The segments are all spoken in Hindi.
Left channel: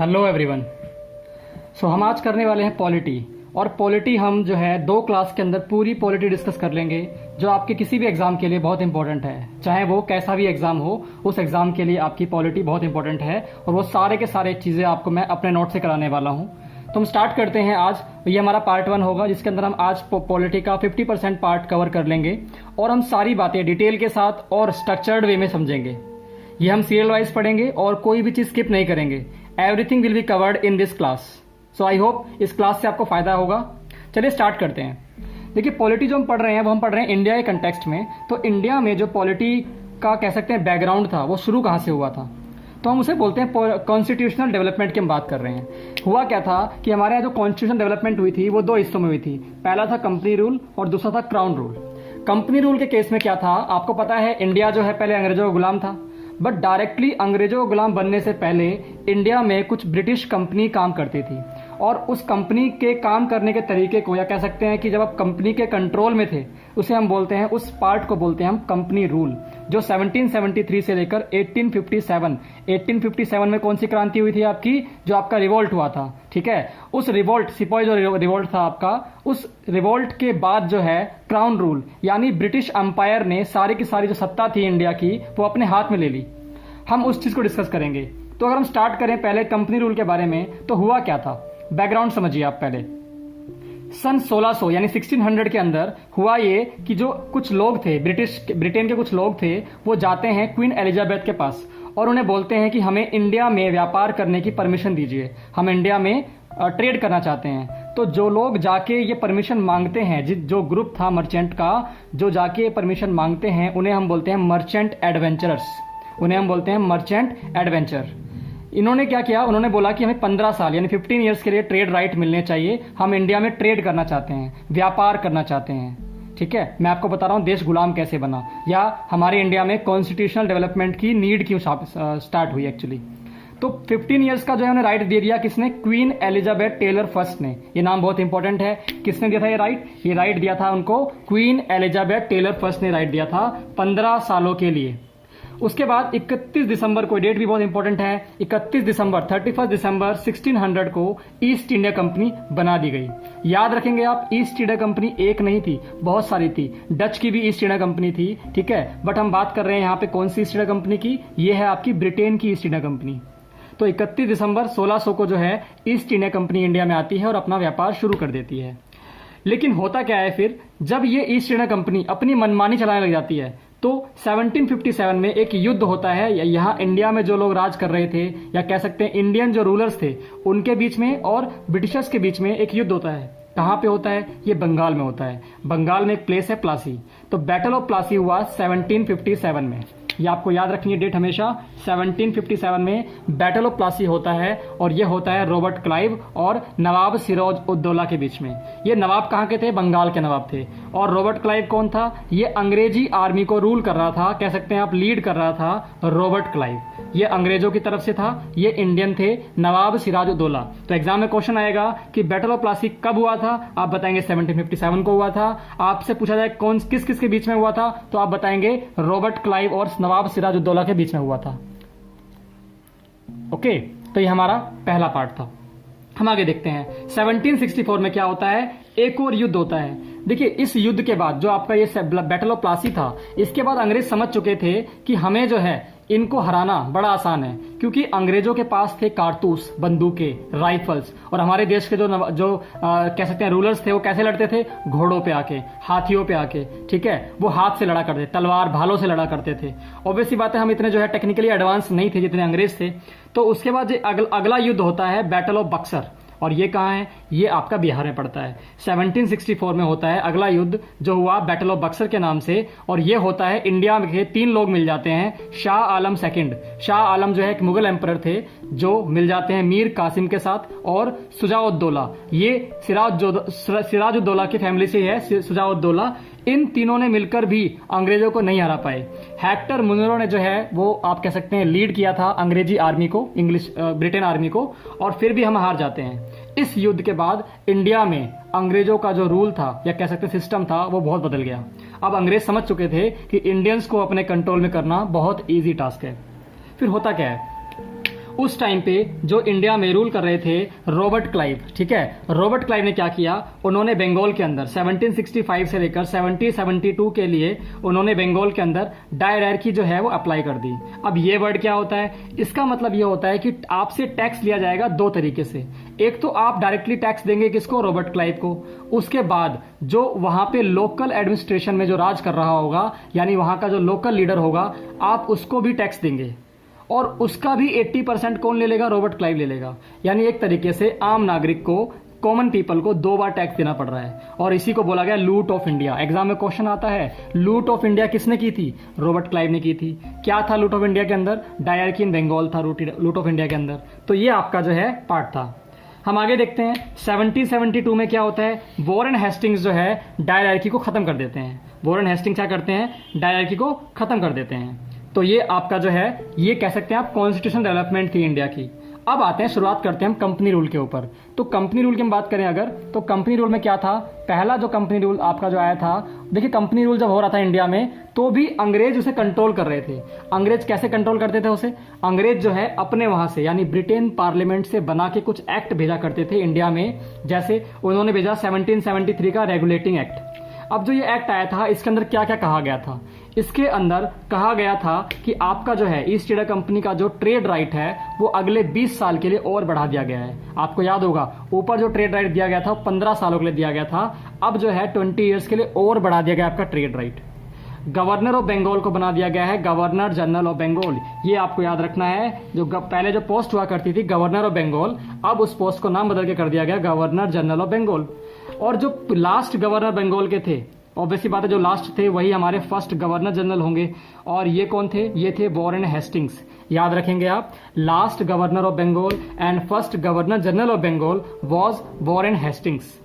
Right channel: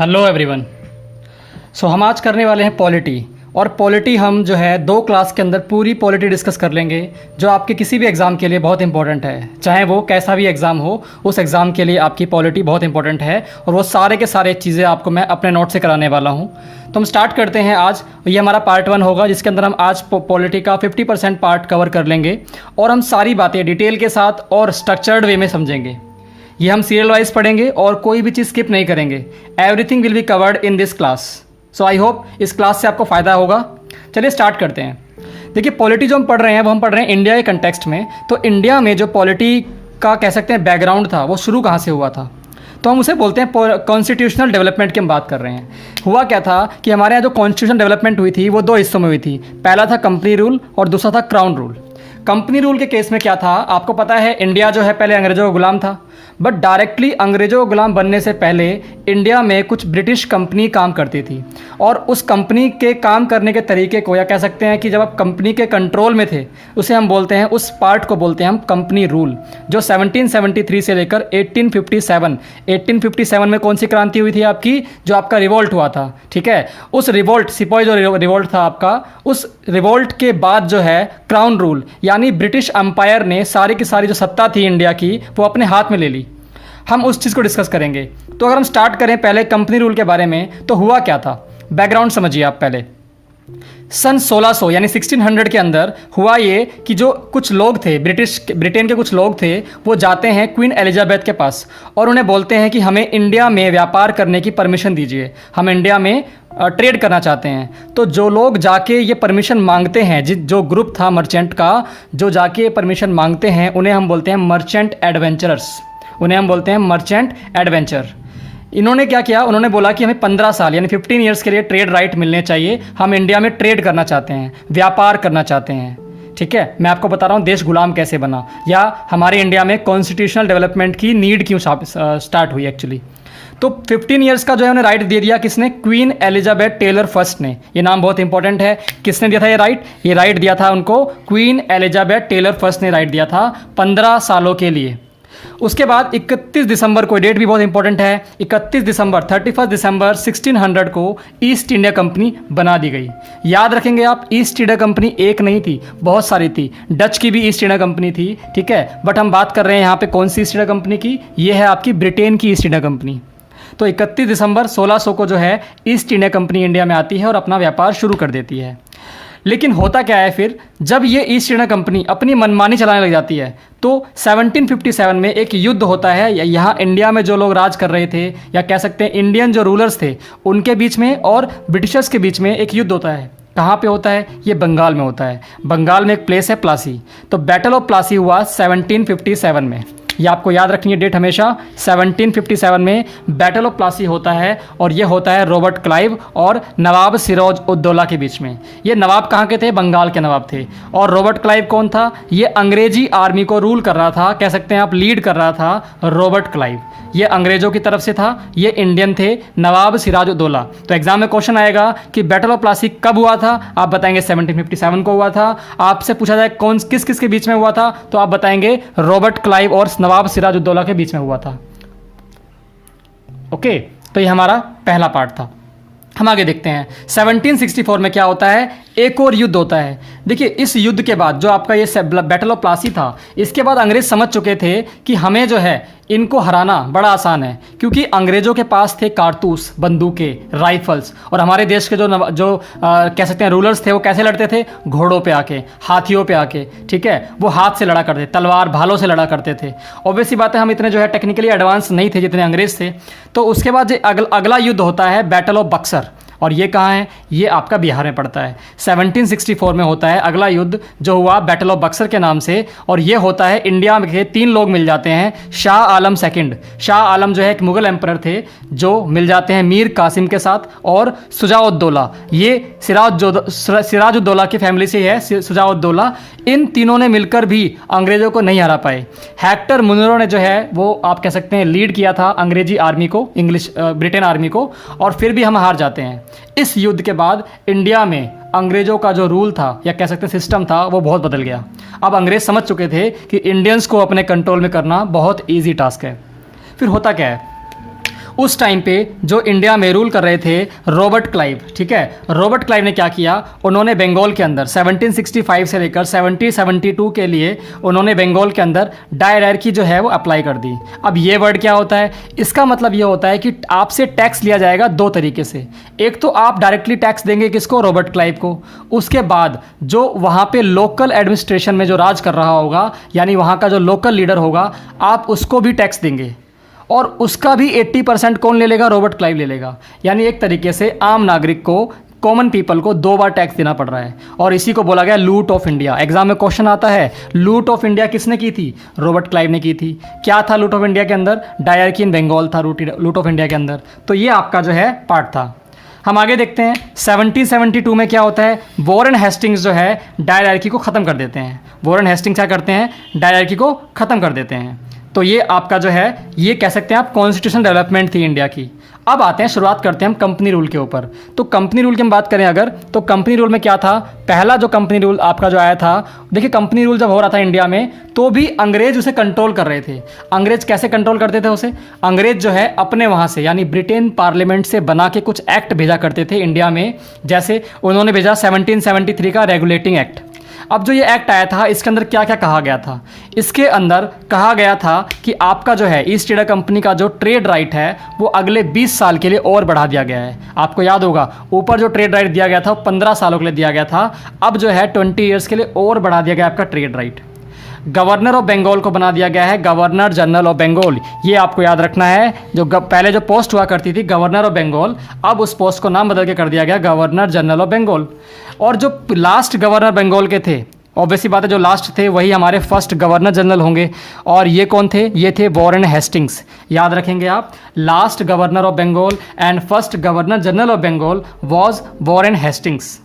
Hello everyone. हम आज करने वाले हैं पॉलिटी। और पॉलिटी हम जो है 2 क्लास के अंदर पूरी पॉलिटी डिस्कस कर लेंगे, जो आपके किसी भी एग्ज़ाम के लिए बहुत इंपॉर्टेंट है। चाहे वो कैसा भी एग्ज़ाम हो, उस एग्ज़ाम के लिए आपकी पॉलिटी बहुत इंपॉर्टेंट है और वो सारे के सारे चीज़ें आपको मैं अपने नोट से कराने वाला हूँ। तो हम स्टार्ट करते हैं आज। ये हमारा पार्ट 1 होगा, जिसके अंदर हम आज पॉलिटी का 50% पार्ट कवर कर लेंगे और हम सारी बातें डिटेल के साथ और स्ट्रक्चर्ड वे में समझेंगे। ये हम सीरियल वाइज पढ़ेंगे और कोई भी चीज़ स्किप नहीं करेंगे। Everything will be covered in this class. So I hope इस क्लास से आपको फ़ायदा होगा। चलिए स्टार्ट करते हैं। देखिए, पॉलिटी जो हम पढ़ रहे हैं वो हम पढ़ रहे हैं इंडिया के कंटेक्स्ट में। तो इंडिया में जो पॉलिटी का कह सकते हैं बैकग्राउंड था, वो शुरू कहाँ से हुआ था, तो हम उसे बोलते हैं कॉन्स्टिट्यूशनल डेवलपमेंट की हम बात कर रहे हैं। हुआ क्या था कि हमारे यहाँ जो कॉन्स्टिट्यूशन डेवलपमेंट हुई थी वो 2 हिस्सों में हुई थी। पहला था कंपनी रूल और दूसरा था क्राउन रूल। कंपनी रूल के केस में क्या था, आपको पता है इंडिया जो है पहले अंग्रेज़ों का गुलाम था, बट डायरेक्टली अंग्रेज़ों का गुलाम बनने से पहले इंडिया में कुछ ब्रिटिश कंपनी काम करती थी। और उस कंपनी के काम करने के तरीके को, या कह सकते हैं कि जब आप कंपनी के कंट्रोल में थे, उसे हम बोलते हैं, उस पार्ट को बोलते हैं हम कंपनी रूल, जो 1773 से लेकर 1857 में कौन सी क्रांति हुई थी आपकी, जो आपका रिवोल्ट हुआ था। ठीक है, उस रिवोल्ट, सिपाही जो रिवोल्ट था आपका, उस रिवोल्ट के बाद जो है क्राउन रूल, यानी ब्रिटिश अंपायर ने सारी की सारी जो सत्ता थी इंडिया की, वो अपने हाथ में ले ली। हम उस चीज़ को डिस्कस करेंगे। तो अगर हम स्टार्ट करें पहले कंपनी रूल के बारे में, तो हुआ क्या था, बैकग्राउंड समझिए आप पहले। सन 1600 यानी 1600 के अंदर हुआ ये कि जो कुछ लोग थे, ब्रिटेन के कुछ लोग थे, वो जाते हैं क्वीन एलिजाबेथ के पास और उन्हें बोलते हैं कि हमें इंडिया में व्यापार करने की परमिशन दीजिए, हम इंडिया में ट्रेड करना चाहते हैं। तो जो लोग जाके ये परमिशन मांगते हैं, जो ग्रुप था मर्चेंट का, जो जाके परमिशन मांगते हैं, उन्हें हम बोलते हैं मर्चेंट एडवेंचरर्स। उन्हें हम बोलते हैं मर्चेंट एडवेंचर। इन्होंने क्या किया, उन्होंने बोला कि हमें 15 साल यानी 15 ईयर्स के लिए ट्रेड राइट मिलने चाहिए, हम इंडिया में ट्रेड करना चाहते हैं, व्यापार करना चाहते हैं। ठीक है, मैं आपको बता रहा हूँ देश गुलाम कैसे बना, या हमारे इंडिया में कॉन्स्टिट्यूशनल डेवलपमेंट की नीड क्यों स्टार्ट हुई एक्चुअली। तो 15 ईयर्स का जो है उन्हें राइट दे दिया, किसने, क्वीन एलिजाबेथ टेलर फर्स्ट ने। ये नाम बहुत इंपॉर्टेंट है। किसने दिया था ये राइट, ये राइट दिया था उनको क्वीन एलिजाबेथ टेलर फर्स्ट ने राइट दिया था 15 सालों के लिए। उसके बाद 31 दिसंबर को, डेट भी बहुत इंपॉर्टेंट है, 31 दिसंबर 1600 को ईस्ट इंडिया कंपनी बना दी गई। याद रखेंगे आप, ईस्ट इंडिया कंपनी एक नहीं थी, बहुत सारी थी। डच की भी ईस्ट इंडिया कंपनी थी, ठीक है, बट हम बात कर रहे हैं यहाँ पे कौन सी ईस्ट इंडिया कंपनी की, ये है आपकी ब्रिटेन की ईस्ट इंडिया कंपनी। तो 31 दिसंबर 1600 को जो है ईस्ट इंडिया कंपनी इंडिया में आती है और अपना व्यापार शुरू कर देती है। लेकिन होता क्या है फिर, जब ये ईस्ट इंडिया कंपनी अपनी मनमानी चलाने लग जाती है, तो 1757 में एक युद्ध होता है। यहाँ इंडिया में जो लोग राज कर रहे थे, या कह सकते हैं इंडियन जो रूलर्स थे, उनके बीच में और ब्रिटिशर्स के बीच में एक युद्ध होता है। कहाँ पे होता है, ये बंगाल में होता है। बंगाल में एक प्लेस है प्लासी। तो बैटल ऑफ प्लासी हुआ 1757 में। ये आपको याद रखनी है डेट हमेशा। 1757 में बैटल ऑफ प्लासी होता है और ये होता है रॉबर्ट क्लाइव और नवाब सिराज उद दौला के बीच में। ये नवाब कहाँ के थे, बंगाल के नवाब थे। और रॉबर्ट क्लाइव कौन था, ये अंग्रेजी आर्मी को रूल कर रहा था, कह सकते हैं आप लीड कर रहा था रॉबर्ट क्लाइव। ये अंग्रेजों की तरफ से था, ये इंडियन थे, नवाब सिराज उद दौला। तो एग्जाम में क्वेश्चन आएगा कि बैटल ऑफ प्लासी कब हुआ था, आप बताएंगे 1757 को हुआ था। आपसे पूछा जाए कौन किस किस के बीच में हुआ था, तो आप बताएंगे रॉबर्ट क्लाइव और नवाब सिराज उद दौला के बीच में हुआ था। ओके, तो ये हमारा पहला पार्ट था। हम आगे देखते हैं 1764 में क्या होता है, एक और युद्ध होता है। देखिए, इस युद्ध के बाद जो आपका ये बैटल ऑफ प्लासी था, इसके बाद अंग्रेज समझ चुके थे कि हमें जो है इनको हराना बड़ा आसान है, क्योंकि अंग्रेजों के पास थे कारतूस, बंदूकें, राइफल्स, और हमारे देश के जो कह सकते हैं रूलर्स थे, वो कैसे लड़ते थे, घोड़ों पे आके, हाथियों पे आके। ठीक है, वो हाथ से लड़ा करते, तलवार भालों से लड़ा करते थे। ऑब्वियसली बात है, हम इतने जो है टेक्निकली एडवांस नहीं थे जितने अंग्रेज थे। तो उसके बाद अगला युद्ध होता है बैटल ऑफ बक्सर, और ये कहाँ है, ये आपका बिहार में पड़ता है। 1764 में होता है अगला युद्ध, जो हुआ बैटल ऑफ बक्सर के नाम से। और ये होता है, इंडिया के 3 लोग मिल जाते हैं, शाह आलम सेकंड। शाह आलम जो है एक मुगल एम्परर थे, जो मिल जाते हैं मीर कासिम के साथ, और सुजाउद्दौला, ये सिराजुद्दौला की फैमिली से है, सुजाउद्दौला। इन तीनों ने मिलकर भी अंग्रेजों को नहीं हरा पाए। हेक्टर मुनरो ने जो है वो आप कह सकते हैं लीड किया था अंग्रेजी आर्मी को, ब्रिटेन आर्मी को, और फिर भी हम हार जाते हैं। इस युद्ध के बाद इंडिया में अंग्रेजों का जो रूल था, या कह सकते हैं सिस्टम था, वो बहुत बदल गया। अब अंग्रेज समझ चुके थे कि इंडियंस को अपने कंट्रोल में करना बहुत ईजी टास्क है। फिर होता क्या है, उस टाइम पे जो इंडिया में रूल कर रहे थे रॉबर्ट क्लाइव, ठीक है। रॉबर्ट क्लाइव ने क्या किया, उन्होंने बंगाल के अंदर 1765 से लेकर 1772 के लिए उन्होंने बंगाल के अंदर डायरार्की जो है वो अप्लाई कर दी। अब ये वर्ड क्या होता है, इसका मतलब ये होता है कि आपसे टैक्स लिया जाएगा दो तरीके से। एक तो आप डायरेक्टली टैक्स देंगे किसको, रॉबर्ट क्लाइव को। उसके बाद जो वहाँ पे लोकल एडमिनिस्ट्रेशन में जो राज कर रहा होगा, यानी वहाँ का जो लोकल लीडर होगा, आप उसको भी टैक्स देंगे और उसका भी 80% कौन ले लेगा, रॉबर्ट क्लाइव ले लेगा। यानी एक तरीके से आम नागरिक को, कॉमन पीपल को 2 बार टैक्स देना पड़ रहा है और इसी को बोला गया लूट ऑफ इंडिया। एग्जाम में क्वेश्चन आता है लूट ऑफ इंडिया किसने की थी, रॉबर्ट क्लाइव ने की थी। क्या था लूट ऑफ इंडिया के अंदर, डायरार्की इन बंगाल था लूट ऑफ इंडिया के अंदर। तो ये आपका जो है पार्ट था। हम आगे देखते हैं 1772 में क्या होता है, वॉरेन हेस्टिंग्स जो है डायरार्की को ख़त्म कर देते हैं। वॉरेन हेस्टिंग्स क्या करते हैं, डायरार्की को ख़त्म कर देते हैं। तो ये आपका जो है, ये कह सकते हैं आप कॉन्स्टिट्यूशन डेवलपमेंट थी इंडिया की। अब आते हैं, शुरुआत करते हैं हम कंपनी रूल के ऊपर। तो कंपनी रूल की हम बात करें अगर, तो कंपनी रूल में क्या था, पहला जो कंपनी रूल आपका जो आया था, देखिए कंपनी रूल जब हो रहा था इंडिया में तो भी अंग्रेज उसे कंट्रोल कर रहे थे। अंग्रेज कैसे कंट्रोल करते थे उसे, अंग्रेज जो है अपने वहाँ से यानी ब्रिटेन पार्लियामेंट से बना के कुछ एक्ट भेजा करते थे इंडिया में। जैसे उन्होंने भेजा 1773 का रेगुलेटिंग एक्ट। अब जो ये एक्ट आया था इसके अंदर क्या क्या कहा गया था, इसके अंदर कहा गया था कि आपका जो है ईस्ट इंडिया कंपनी का जो ट्रेड राइट है वो अगले 20 साल के लिए और बढ़ा दिया गया है। आपको याद होगा ऊपर जो ट्रेड राइट दिया गया था वो 15 सालों के लिए दिया गया था, अब जो है 20 ईयर्स के लिए और बढ़ा दिया गया आपका trade right. Governor of Bengal को बना दिया गया है गवर्नर जनरल ऑफ बंगाल। ये आपको याद रखना है, जो पहले जो पोस्ट हुआ करती थी गवर्नर ऑफ बंगाल, अब उस पोस्ट को नाम बदल के कर दिया गया गवर्नर जनरल ऑफ बंगाल। और जो लास्ट गवर्नर बंगाल के थे, ऑब्वियसली बात है जो लास्ट थे वही हमारे फर्स्ट गवर्नर जनरल होंगे, और ये कौन थे, ये थे वॉरेन हेस्टिंग्स। याद रखेंगे आप, last governor of Bengal and first governor general of Bengal was Warren Hastings.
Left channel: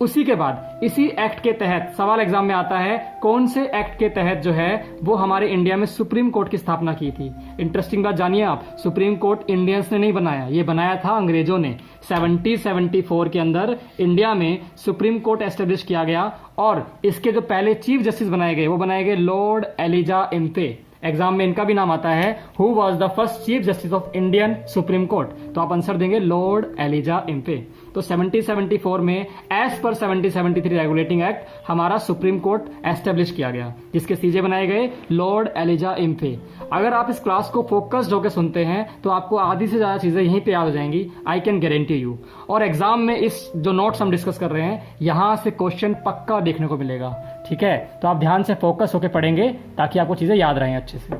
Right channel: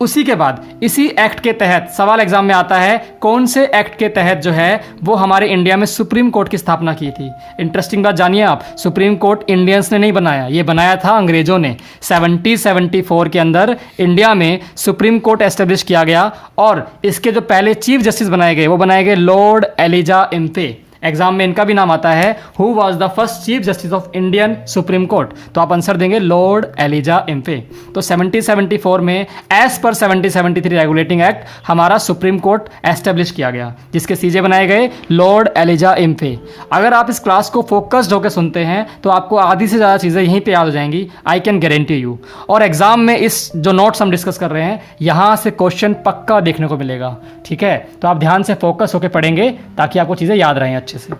उसी के बाद इसी एक्ट के तहत सवाल एग्जाम में आता है, कौन से एक्ट के तहत जो है वो हमारे इंडिया में सुप्रीम कोर्ट की स्थापना की थी। इंटरेस्टिंग बात जानिए आप, सुप्रीम कोर्ट इंडियंस ने नहीं बनाया, ये बनाया था अंग्रेजों ने। 1774 के अंदर इंडिया में सुप्रीम कोर्ट एस्टेब्लिश किया गया और इसके जो पहले चीफ जस्टिस बनाए गए वो बनाए गए लॉर्ड एलिजा इम्फे। एग्जाम में इनका भी नाम आता है, who was the first chief justice of Indian supreme court, तो आप आंसर देंगे लॉर्ड एलिजा इम्फे। तो 1774 में एज पर 1773 रेगुलेटिंग एक्ट हमारा सुप्रीम कोर्ट एस्टेब्लिश किया गया, जिसके सीजे बनाए गए लॉर्ड एलिजा इम्फे। अगर आप इस क्लास को फोकस्ड होकर सुनते हैं तो आपको आधी से ज़्यादा चीज़ें यहीं पे याद हो जाएंगी, आई कैन गारंटी यू। और एग्जाम में इस जो नोट्स हम डिस्कस कर रहे हैं यहाँ से क्वेश्चन पक्का देखने को मिलेगा, ठीक है। तो आप ध्यान से फोकस होकर पढ़ेंगे ताकि आपको चीज़ें याद रहें अच्छे से।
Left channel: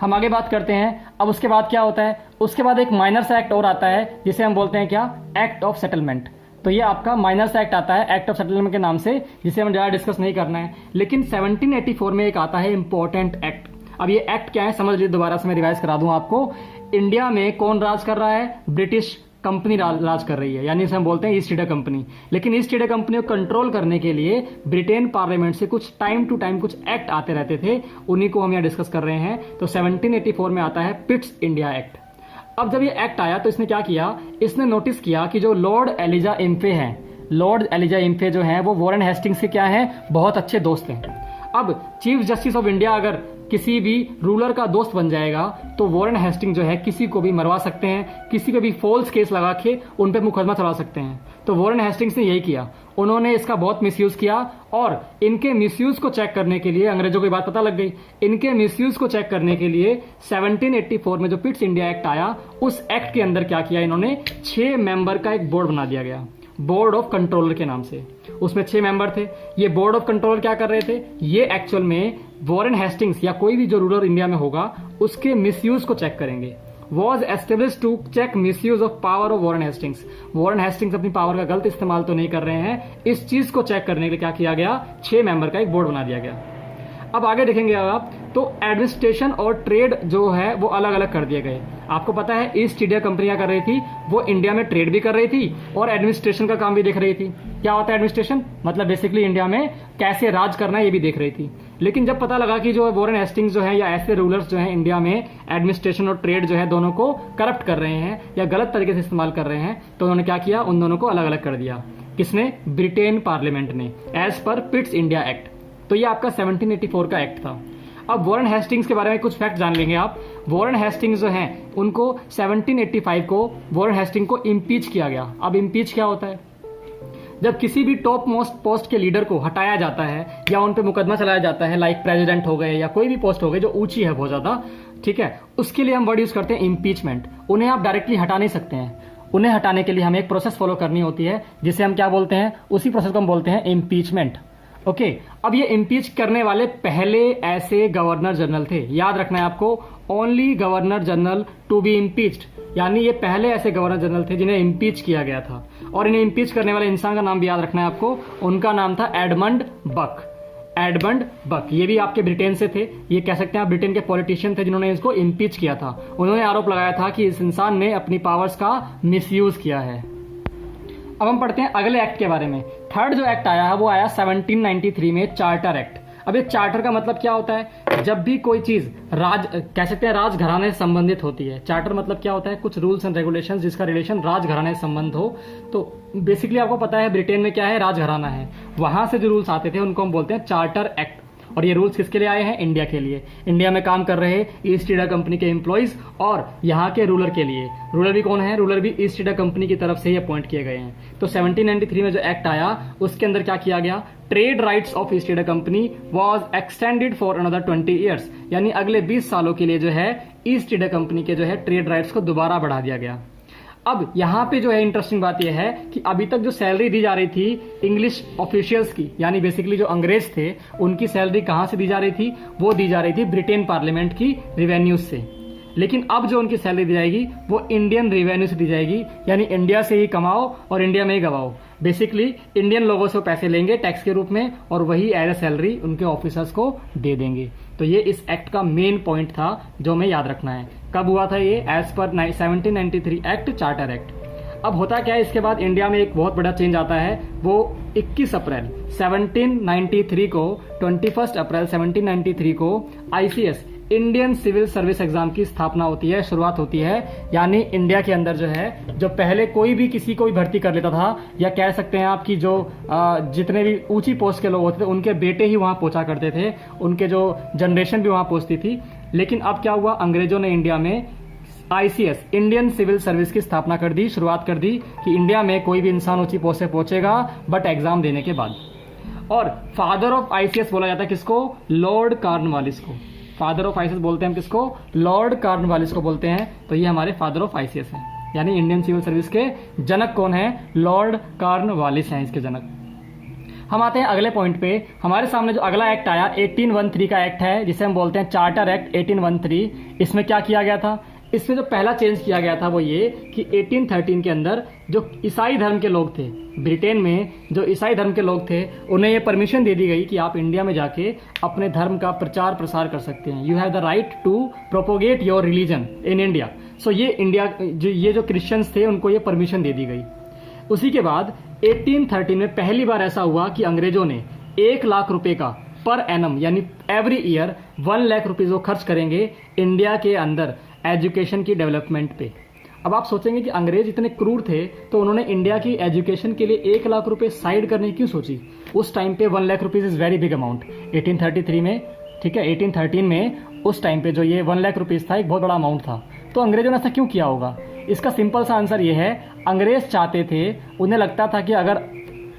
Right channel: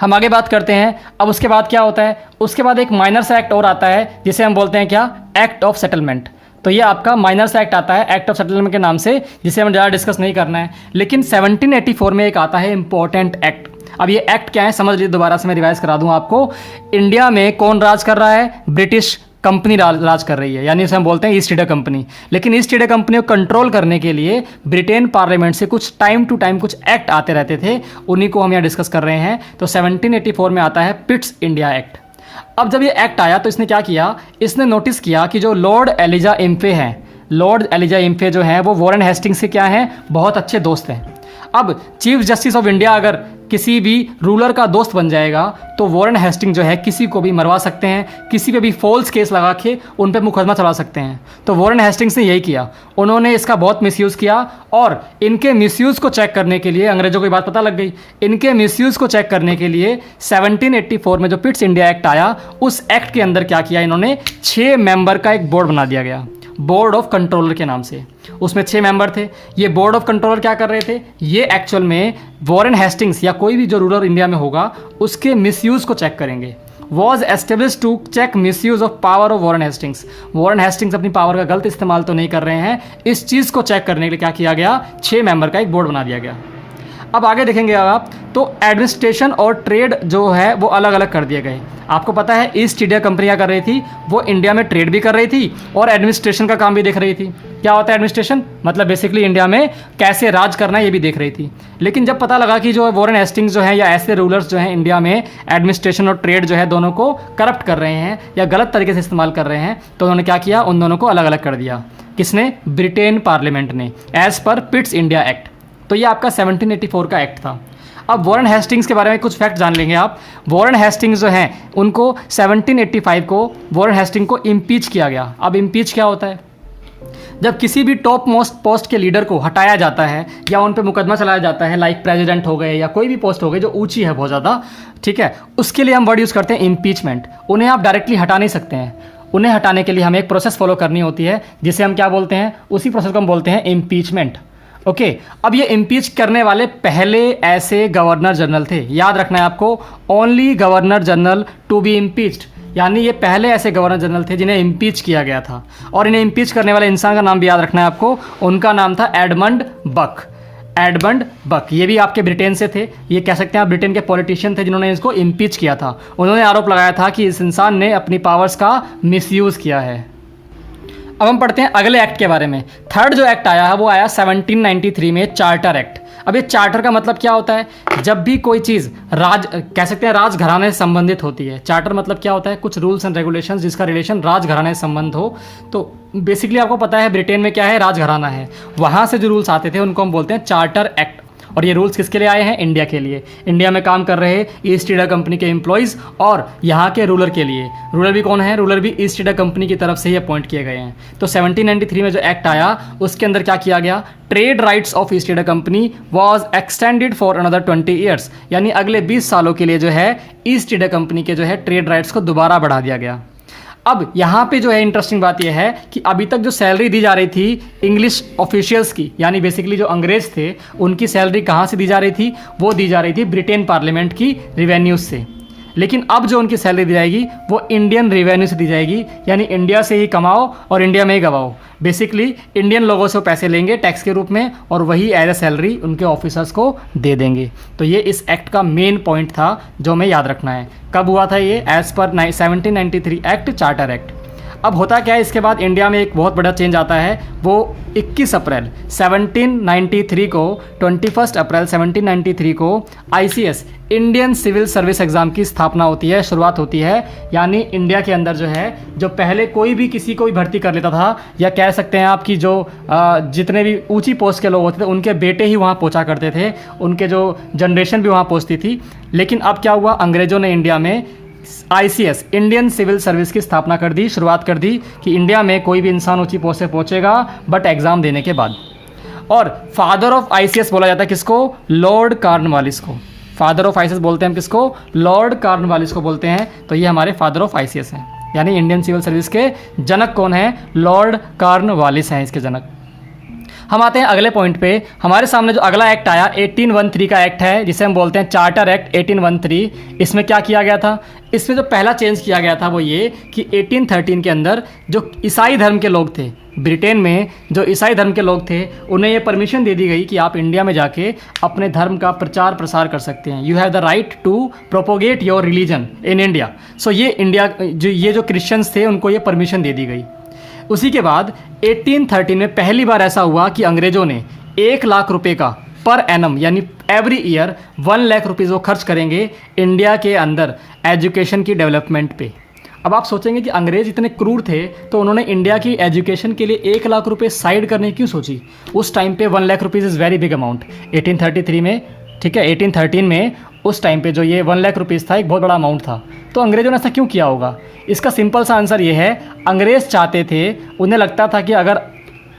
हम आगे बात करते हैं। अब उसके बाद क्या होता है, उसके बाद एक माइनर सा एक्ट और आता है जिसे हम बोलते हैं क्या, एक्ट ऑफ सेटलमेंट। तो ये आपका माइनर सा एक्ट आता है एक्ट ऑफ सेटलमेंट के नाम से, जिसे हम ज़्यादा डिस्कस नहीं करना है। लेकिन 1784 में एक आता है इंपॉर्टेंट एक्ट। अब ये एक्ट क्या है समझ लीजिए, दोबारा से मैं रिवाइज करा दूं आपको। इंडिया में कौन राज कर रहा है, ब्रिटिश कंपनी राज कर रही है, यानी उसे हम बोलते हैं ईस्ट इंडिया कंपनी। लेकिन ईस्ट इंडिया कंपनी को कंट्रोल करने के लिए ब्रिटेन पार्लियामेंट से कुछ टाइम टू टाइम कुछ एक्ट आते रहते थे, उन्हीं को हम यहाँ डिस्कस कर रहे हैं। तो 1784 में आता है पिट्स इंडिया एक्ट। अब जब ये एक्ट आया तो इसने क्या किया, इसने नोटिस किया कि जो लॉर्ड एलिजा इम्फे हैं, लॉर्ड एलिजा इम्फे जो हैं वो वॉरेन हेस्टिंग्स से क्या हैं, बहुत अच्छे दोस्त हैं। अब चीफ जस्टिस ऑफ इंडिया अगर किसी भी रूलर का दोस्त बन जाएगा तो वॉरेन हेस्टिंग जो है किसी को भी मरवा सकते हैं, किसी पे भी फॉल्स केस लगा के उन पे मुकदमा चला सकते हैं। तो वॉरेन हेस्टिंग्स ने यही किया, उन्होंने इसका बहुत मिसयूज़ किया और इनके मिसयूज़ को चेक करने के लिए अंग्रेजों को ये बात पता लग गई। इनके मिसयूज़ को चेक करने के लिए 1784 में जो पिट्स इंडिया एक्ट आया, उस एक्ट के अंदर क्या किया इन्होंने, 6 मेंबर का एक बोर्ड बना दिया गया, बोर्ड ऑफ कंट्रोलर के नाम से। उसमें 6 मेंबर थे। ये बोर्ड ऑफ कंट्रोलर क्या कर रहे थे, ये एक्चुअल में वॉरेन हेस्टिंग्स या कोई भी जो रूलर इंडिया में होगा उसके मिसयूज़ को चेक करेंगे। Was establish to check misuse of power of Warren Hastings. Warren Hastings अपनी पावर का गलत इस्तेमाल तो नहीं कर रहे हैं, इस चीज़ को चेक करने के लिए क्या किया गया, 6 मेंबर का एक बोर्ड बना दिया गया। अब आगे देखेंगे आप तो एडमिनिस्ट्रेशन और ट्रेड जो है वो अलग अलग कर दिए गए। आपको पता है ईस्ट इंडिया कंपनी क्या कर रही थी, वो इंडिया में ट्रेड भी कर रही थी और एडमिनिस्ट्रेशन का काम भी देख रही थी। क्या होता है एडमिनिस्ट्रेशन, मतलब बेसिकली इंडिया में कैसे राज करना है ये भी देख रही थी। लेकिन जब पता लगा कि जो वॉरेन हेस्टिंग्स जो है या ऐसे रूलर्स जो हैं इंडिया में एडमिनिस्ट्रेशन और ट्रेड जो है दोनों को करप्ट कर रहे हैं या गलत तरीके से इस्तेमाल कर रहे हैं, तो उन्होंने क्या किया, उन दोनों को अलग अलग कर दिया। किसने, ब्रिटेन पार्लियामेंट ने, as per Pitt's India act. तो ये आपका 1784 का एक्ट था। अब वॉरेन हेस्टिंग्स के बारे में कुछ फैक्ट जान लेंगे आप। वॉरेन हेस्टिंग्स जो हैं उनको 1785 को वॉरेन हेस्टिंग को इम्पीच किया गया। अब इम्पीच क्या होता है? जब किसी भी टॉप मोस्ट पोस्ट के लीडर को हटाया जाता है या उन पर मुकदमा चलाया जाता है, लाइक प्रेसिडेंट हो गए या कोई भी पोस्ट हो गई जो ऊंची है बहुत ज़्यादा, ठीक है, उसके लिए हम वर्ड यूज़ करते हैं इम्पीचमेंट। उन्हें आप डायरेक्टली हटा नहीं सकते हैं, उन्हें हटाने के लिए हमें एक प्रोसेस फॉलो करनी होती है जिसे हम क्या बोलते हैं, उसी प्रोसेस को हम बोलते हैं इम्पीचमेंट। ओके, अब ये इम्पीच करने वाले पहले ऐसे गवर्नर जनरल थे, याद रखना है आपको, only governor general to be impeached, यानी ये पहले ऐसे गवर्नर जनरल थे जिन्हें इम्पीच किया गया था। और इन्हें इम्पीच करने वाले इंसान का नाम भी याद रखना है आपको, उनका नाम था एडमंड बक। एडमंड बक, ये भी आपके ब्रिटेन से थे, ये कह सकते हैं आप ब्रिटेन के पॉलिटिशियन थे जिन्होंने इसको इम्पीच किया था। उन्होंने आरोप लगाया था कि इस इंसान ने अपनी पावर्स का मिसयूज़ किया है। अब हम पढ़ते हैं अगले एक्ट के बारे में। थर्ड जो एक्ट आया है वो आया 1793 में, चार्टर एक्ट। अब ये चार्टर का मतलब क्या होता है? जब भी कोई चीज़ कह सकते हैं राजघराने से संबंधित होती है। चार्टर मतलब क्या होता है? कुछ रूल्स एंड रेगुलेशंस जिसका रिलेशन राजघराने से संबंध हो। तो बेसिकली आपको पता है ब्रिटेन में क्या है, राजघराना है, वहाँ से जो रूल्स आते थे उनको हम बोलते हैं चार्टर एक्ट। और ये रूल्स किसके लिए आए हैं? इंडिया के लिए। इंडिया में काम कर रहे ईस्ट इंडिया कंपनी के एम्प्लॉयज़ और यहाँ के रूलर के लिए। रूलर भी कौन है? रूलर भी ईस्ट इंडिया कंपनी की तरफ से ही अपॉइंट किए गए हैं। तो 1793 में जो एक्ट आया उसके अंदर क्या किया गया? Trade rights of east India company was extended for another 20 years, यानी अगले 20 सालों के लिए जो है ईस्ट इंडिया कंपनी के जो है ट्रेड राइट्स को दोबारा बढ़ा दिया गया। अब यहाँ पे जो है इंटरेस्टिंग बात यह है कि अभी तक जो सैलरी दी जा रही थी इंग्लिश ऑफिशियल्स की, यानी बेसिकली जो अंग्रेज थे, उनकी सैलरी कहाँ से दी जा रही थी? वो दी जा रही थी ब्रिटेन पार्लियामेंट की रिवेन्यूज से। लेकिन अब जो उनकी सैलरी दी जाएगी वो इंडियन रेवेन्यू से दी जाएगी, यानी इंडिया से ही कमाओ और इंडिया में ही गवाओ। बेसिकली इंडियन लोगों से पैसे लेंगे टैक्स के रूप में और वही एज ए सैलरी उनके ऑफिसर्स को दे देंगे। तो ये इस एक्ट का मेन पॉइंट था जो हमें याद रखना है। कब हुआ था ये? As per 1793 act, charter act. अब होता क्या है, इसके बाद इंडिया में एक बहुत बड़ा चेंज आता है। वो 21 अप्रैल 1793 को, 21 अप्रैल 1793 को ICS Indian civil service exam की स्थापना होती है, शुरुआत होती है। यानी इंडिया के अंदर जो है, जो पहले कोई भी किसी को भी भर्ती कर लेता था, या कह सकते हैं आपकी जो जितने भी ऊंची पोस्ट के लोग होते थे उनके बेटे ही वहाँ पहुँचा करते थे, उनके जो जनरेशन भी वहाँ पहुँचती थी। लेकिन अब क्या हुआ, अंग्रेज़ों ने इंडिया में ICS इंडियन सिविल सर्विस की स्थापना कर दी, शुरुआत कर दी कि इंडिया में कोई भी इंसान ऊंची पोस्ट से पहुंचेगा बट एग्जाम देने के बाद। और फादर ऑफ ICS बोला जाता है किसको? लॉर्ड कॉर्नवालिस को। फादर ऑफ ICS बोलते हैं हम किसको? लॉर्ड कॉर्नवालिस को बोलते हैं। तो ये हमारे फादर ऑफ ICS हैं, यानी इंडियन सिविल सर्विस के जनक कौन है? लॉर्ड कॉर्नवालिस हैं इसके जनक। हम आते हैं अगले पॉइंट पे। हमारे सामने जो अगला एक्ट आया 1813 का एक्ट है, जिसे हम बोलते हैं चार्टर एक्ट 1813। इसमें क्या किया गया था? इसमें जो पहला चेंज किया गया था वो ये कि 1813 के अंदर जो ईसाई धर्म के लोग थे, ब्रिटेन में जो ईसाई धर्म के लोग थे, उन्हें ये परमिशन दे दी गई कि आप इंडिया में जाके अपने धर्म का प्रचार प्रसार कर सकते हैं। You have the right to propagate your religion in India. So ये जो क्रिश्चियंस थे उनको ये परमिशन दे दी गई। उसी के बाद 1813 में पहली बार ऐसा हुआ कि अंग्रेज़ों ने 1 लाख रुपए का पर एनम, यानी एवरी ईयर 1 लाख रुपीज़ वो खर्च करेंगे इंडिया के अंदर एजुकेशन की डेवलपमेंट पे। अब आप सोचेंगे कि अंग्रेज़ इतने क्रूर थे तो उन्होंने इंडिया की एजुकेशन के लिए 1 लाख रुपए साइड करने क्यों सोची? उस टाइम पे 1 lakh rupees is very big amount 1833 में, ठीक है। 1813 में उस टाइम पे जो ये 1 लाख रुपीज़ था एक बहुत बड़ा अमाउंट था। तो अंग्रेज़ों ने ऐसा क्यों किया होगा? इसका सिंपल सा आंसर ये है, अंग्रेज़ चाहते थे, उन्हें लगता था कि अगर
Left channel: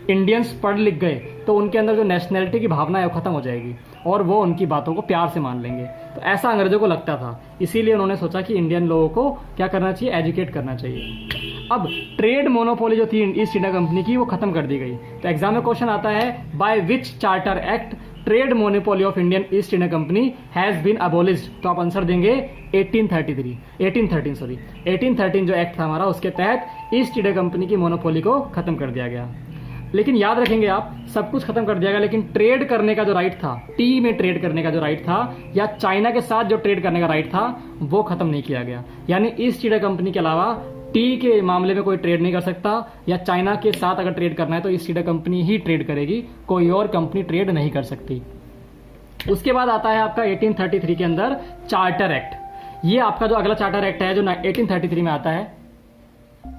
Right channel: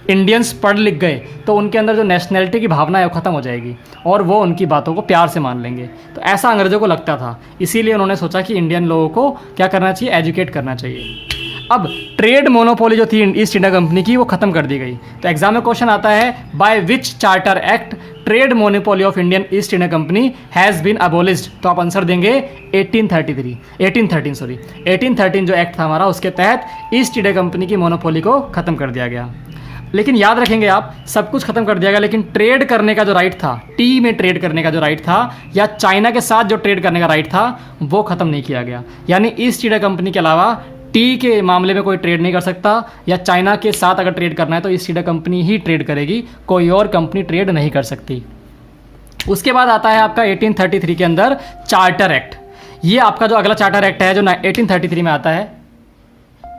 इंडियंस पढ़ लिख गए तो उनके अंदर जो नेशनैलिटी की भावना है वो ख़त्म हो जाएगी और वो उनकी बातों को प्यार से मान लेंगे। तो ऐसा अंग्रेज़ों को लगता था, इसीलिए उन्होंने सोचा कि इंडियन लोगों को क्या करना चाहिए? एजुकेट करना चाहिए। अब ट्रेड मोनोपोली जो थी ईस्ट इंडिया कंपनी की वो ख़त्म कर दी गई। तो एग्जाम में क्वेश्चन आता है, by which charter act trade monopoly of Indian East India company has been abolished? तो आप आंसर देंगे 1813 जो एक्ट था हमारा, उसके तहत ईस्ट इंडिया कंपनी की मोनोपोली को ख़त्म कर दिया गया। लेकिन याद रखेंगे आप, सब कुछ खत्म कर दिया गया, लेकिन ट्रेड करने का जो राइट था, टी में ट्रेड करने का जो राइट था, या चाइना के साथ जो ट्रेड करने का राइट था, वो ख़त्म नहीं किया गया। यानी ईस्ट इंडिया कंपनी के अलावा टी के मामले में कोई ट्रेड नहीं कर सकता, या चाइना के साथ अगर ट्रेड करना है तो ईस्ट इंडिया कंपनी ही ट्रेड करेगी, कोई और कंपनी ट्रेड नहीं कर सकती। उसके बाद आता है आपका 1833 के अंदर चार्टर एक्ट। ये आपका जो अगला चार्टर एक्ट है जो 1833 में आता है,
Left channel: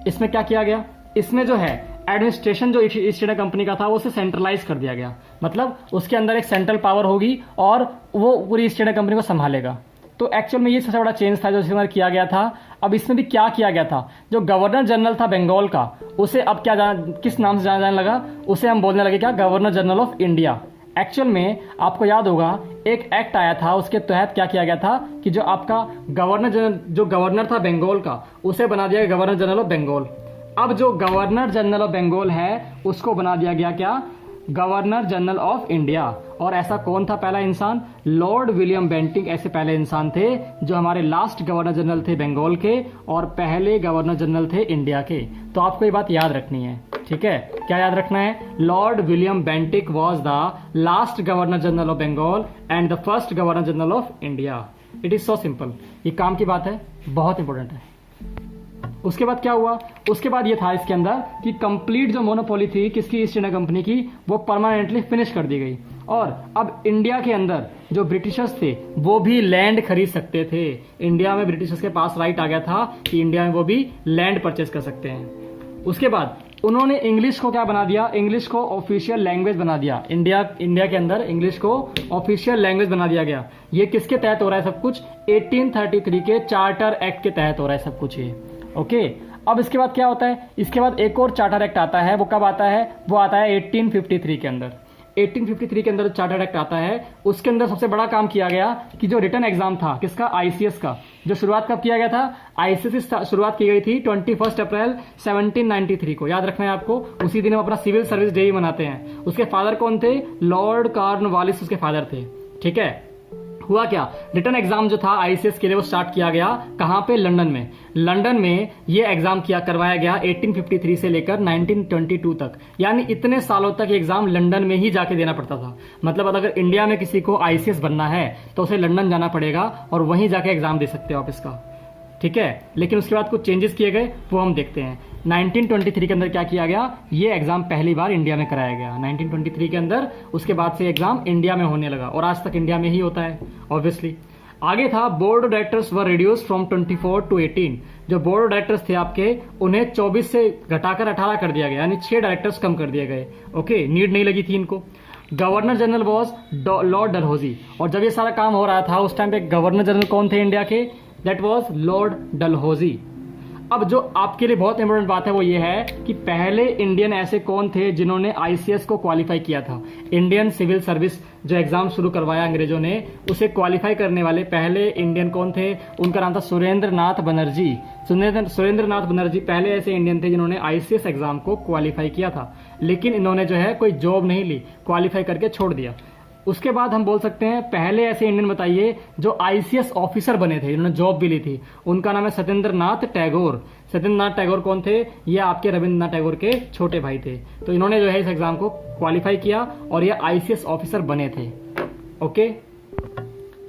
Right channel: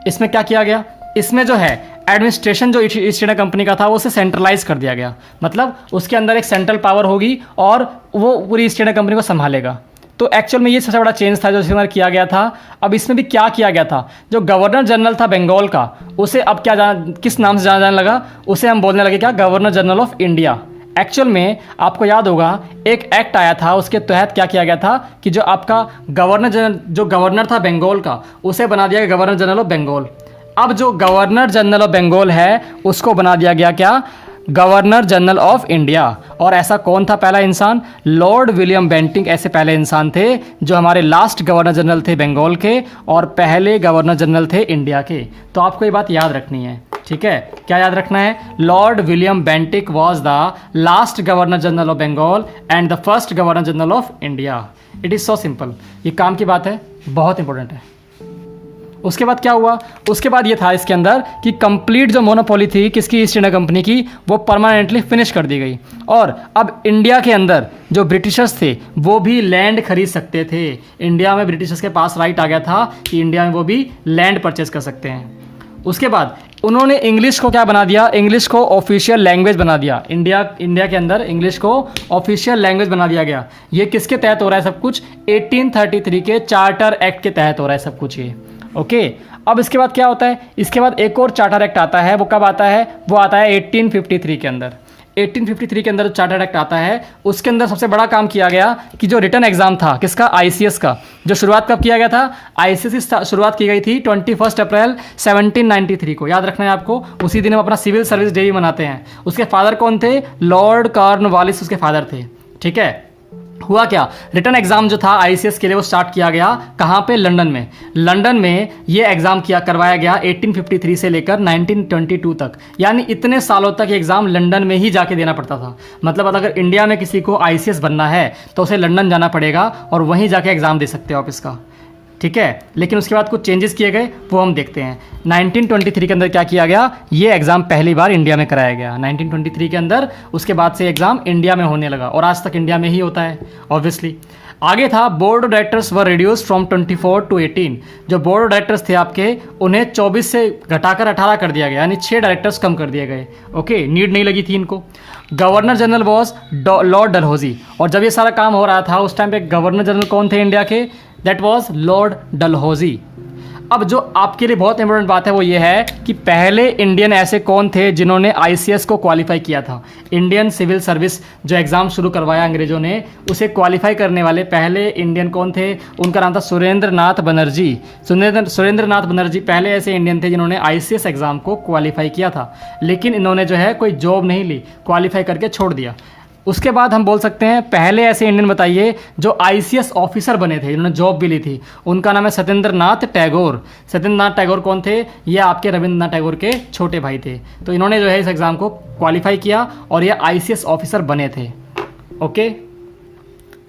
इसमें क्या किया गया? इसमें जो है एडमिनिस्ट्रेशन जो ईस्ट इंडिया कंपनी का था वो उसे सेंट्रलाइज कर दिया गया, मतलब उसके अंदर एक सेंट्रल पावर होगी और वो पूरी ईस्ट इंडिया कंपनी को संभालेगा। तो एक्चुअल में ये सबसे बड़ा चेंज था जो इसके अंदर किया गया था। अब इसमें भी क्या किया गया था, जो गवर्नर जनरल था बंगाल का, उसे अब क्या किस नाम से जाना लगा, उसे हम बोलने लगे क्या, governor general of India. Actual में आपको याद होगा एक एक्ट आया था, उसके तहत क्या किया गया था कि जो आपका गवर्नर था बंगाल का, उसे बना दिया गया गवर्नर जनरल ऑफ बंगाल। अब जो गवर्नर जनरल ऑफ बंगाल है उसको बना दिया गया क्या, गवर्नर जनरल ऑफ इंडिया। और ऐसा कौन था पहला इंसान, लॉर्ड विलियम बेंटिंक ऐसे पहले इंसान थे जो हमारे लास्ट गवर्नर जनरल थे बंगाल के और पहले गवर्नर जनरल थे इंडिया के। तो आपको ये बात याद रखनी है, ठीक है। क्या याद रखना है, Lord William Bentinck was the last governor general of Bengal and the first governor general of India. It is so simple, ये काम की बात है, बहुत इंपॉर्टेंट है। उसके बाद क्या हुआ, उसके बाद ये था इसके अंदर कि कंप्लीट जो मोनोपोली थी किसकी, ईस्ट इंडिया कंपनी की, वो परमानेंटली फिनिश कर दी गई। और अब इंडिया के अंदर जो ब्रिटिशर्स थे वो भी लैंड खरीद सकते थे। इंडिया में ब्रिटिशर्स के पास राइट आ गया था कि इंडिया में वो भी लैंड परचेज कर सकते हैं। उसके बाद उन्होंने इंग्लिश को क्या बना दिया, इंग्लिश को ऑफिशियल लैंग्वेज बना दिया। इंडिया के अंदर इंग्लिश को ऑफिशियल लैंग्वेज बना दिया गया। ये किसके तहत हो रहा है सब कुछ, 1833 के चार्टर एक्ट के तहत हो रहा है सब कुछ ये, ओके। अब इसके बाद क्या होता है, इसके बाद एक और चार्टर एक्ट आता है, वो कब आता है, वो आता है 1853 के अंदर। 1853 के अंदर जो चार्टर एक्ट आता है उसके अंदर सबसे बड़ा काम किया गया कि जो रिटन एग्जाम था किसका, आईसीएस का, जो शुरुआत कब किया गया था, आईसीएस की शुरुआत की गई थी 21 अप्रैल 1793 को। याद रखना है आपको, उसी दिन हम अपना सिविल सर्विस डे भी मनाते हैं। उसके फादर कौन थे, लॉर्ड कॉर्नवालिस उसके फादर थे, ठीक है। हुआ क्या, रिटर्न एग्जाम जो था आईसीएस के लिए वो स्टार्ट किया गया कहाँ पे, लंदन में। लंदन में ये एग्जाम करवाया गया 1853 से लेकर 1922 तक, यानी इतने सालों तक ये एग्जाम लंदन में ही जाके देना पड़ता था। मतलब अगर इंडिया में किसी को आईसीएस बनना है तो उसे लंदन जाना पड़ेगा और वहीं जाके एग्जाम दे सकते हो आप इसका, ठीक है। लेकिन उसके बाद कुछ चेंजेस किए गए, वो हम देखते हैं। 1923 के अंदर क्या किया गया, ये एग्ज़ाम पहली बार इंडिया में कराया गया 1923 के अंदर। उसके बाद से एग्ज़ाम इंडिया में होने लगा और आज तक इंडिया में ही होता है ऑब्वियसली। आगे था board of directors were reduce from 24 to 18। जो बोर्ड ऑफ डायरेक्टर्स थे आपके, उन्हें 24 से घटाकर 18 कर दिया गया, यानी 6 डायरेक्टर्स कम कर दिए गए, ओके। नीड नहीं लगी थी इनको। Governor general was Lord Dalhousie, और जब ये सारा काम हो रहा था उस टाइम पे गवर्नर जनरल कौन थे इंडिया के, दैट वॉज लॉर्ड डलहौजी। अब जो आपके लिए बहुत इंपॉर्टेंट बात है वो ये है कि पहले इंडियन ऐसे कौन थे जिन्होंने आईसीएस को क्वालिफाई किया था। इंडियन सिविल सर्विस जो एग्ज़ाम शुरू करवाया अंग्रेजों ने, उसे क्वालिफाई करने वाले पहले इंडियन कौन थे, उनका नाम था सुरेंद्र नाथ बनर्जी। सुरेंद्र नाथ बनर्जी पहले ऐसे इंडियन थे जिन्होंने आईसीएस एग्ज़ाम को क्वालिफाई किया था, लेकिन इन्होंने जो है कोई जॉब नहीं ली, क्वालिफाई करके छोड़ दिया। उसके बाद हम बोल सकते हैं पहले ऐसे इंडियन बताइए जो आईसीएस ऑफिसर बने थे, जिन्होंने जॉब भी ली थी, उनका नाम है सत्येंद्र नाथ टैगोर। सत्येंद्र नाथ टैगोर कौन थे, ये आपके रविंद्रनाथ टैगोर के छोटे भाई थे। तो इन्होंने जो है इस एग्ज़ाम को क्वालिफाई किया और ये आईसीएस ऑफिसर बने थे, ओके।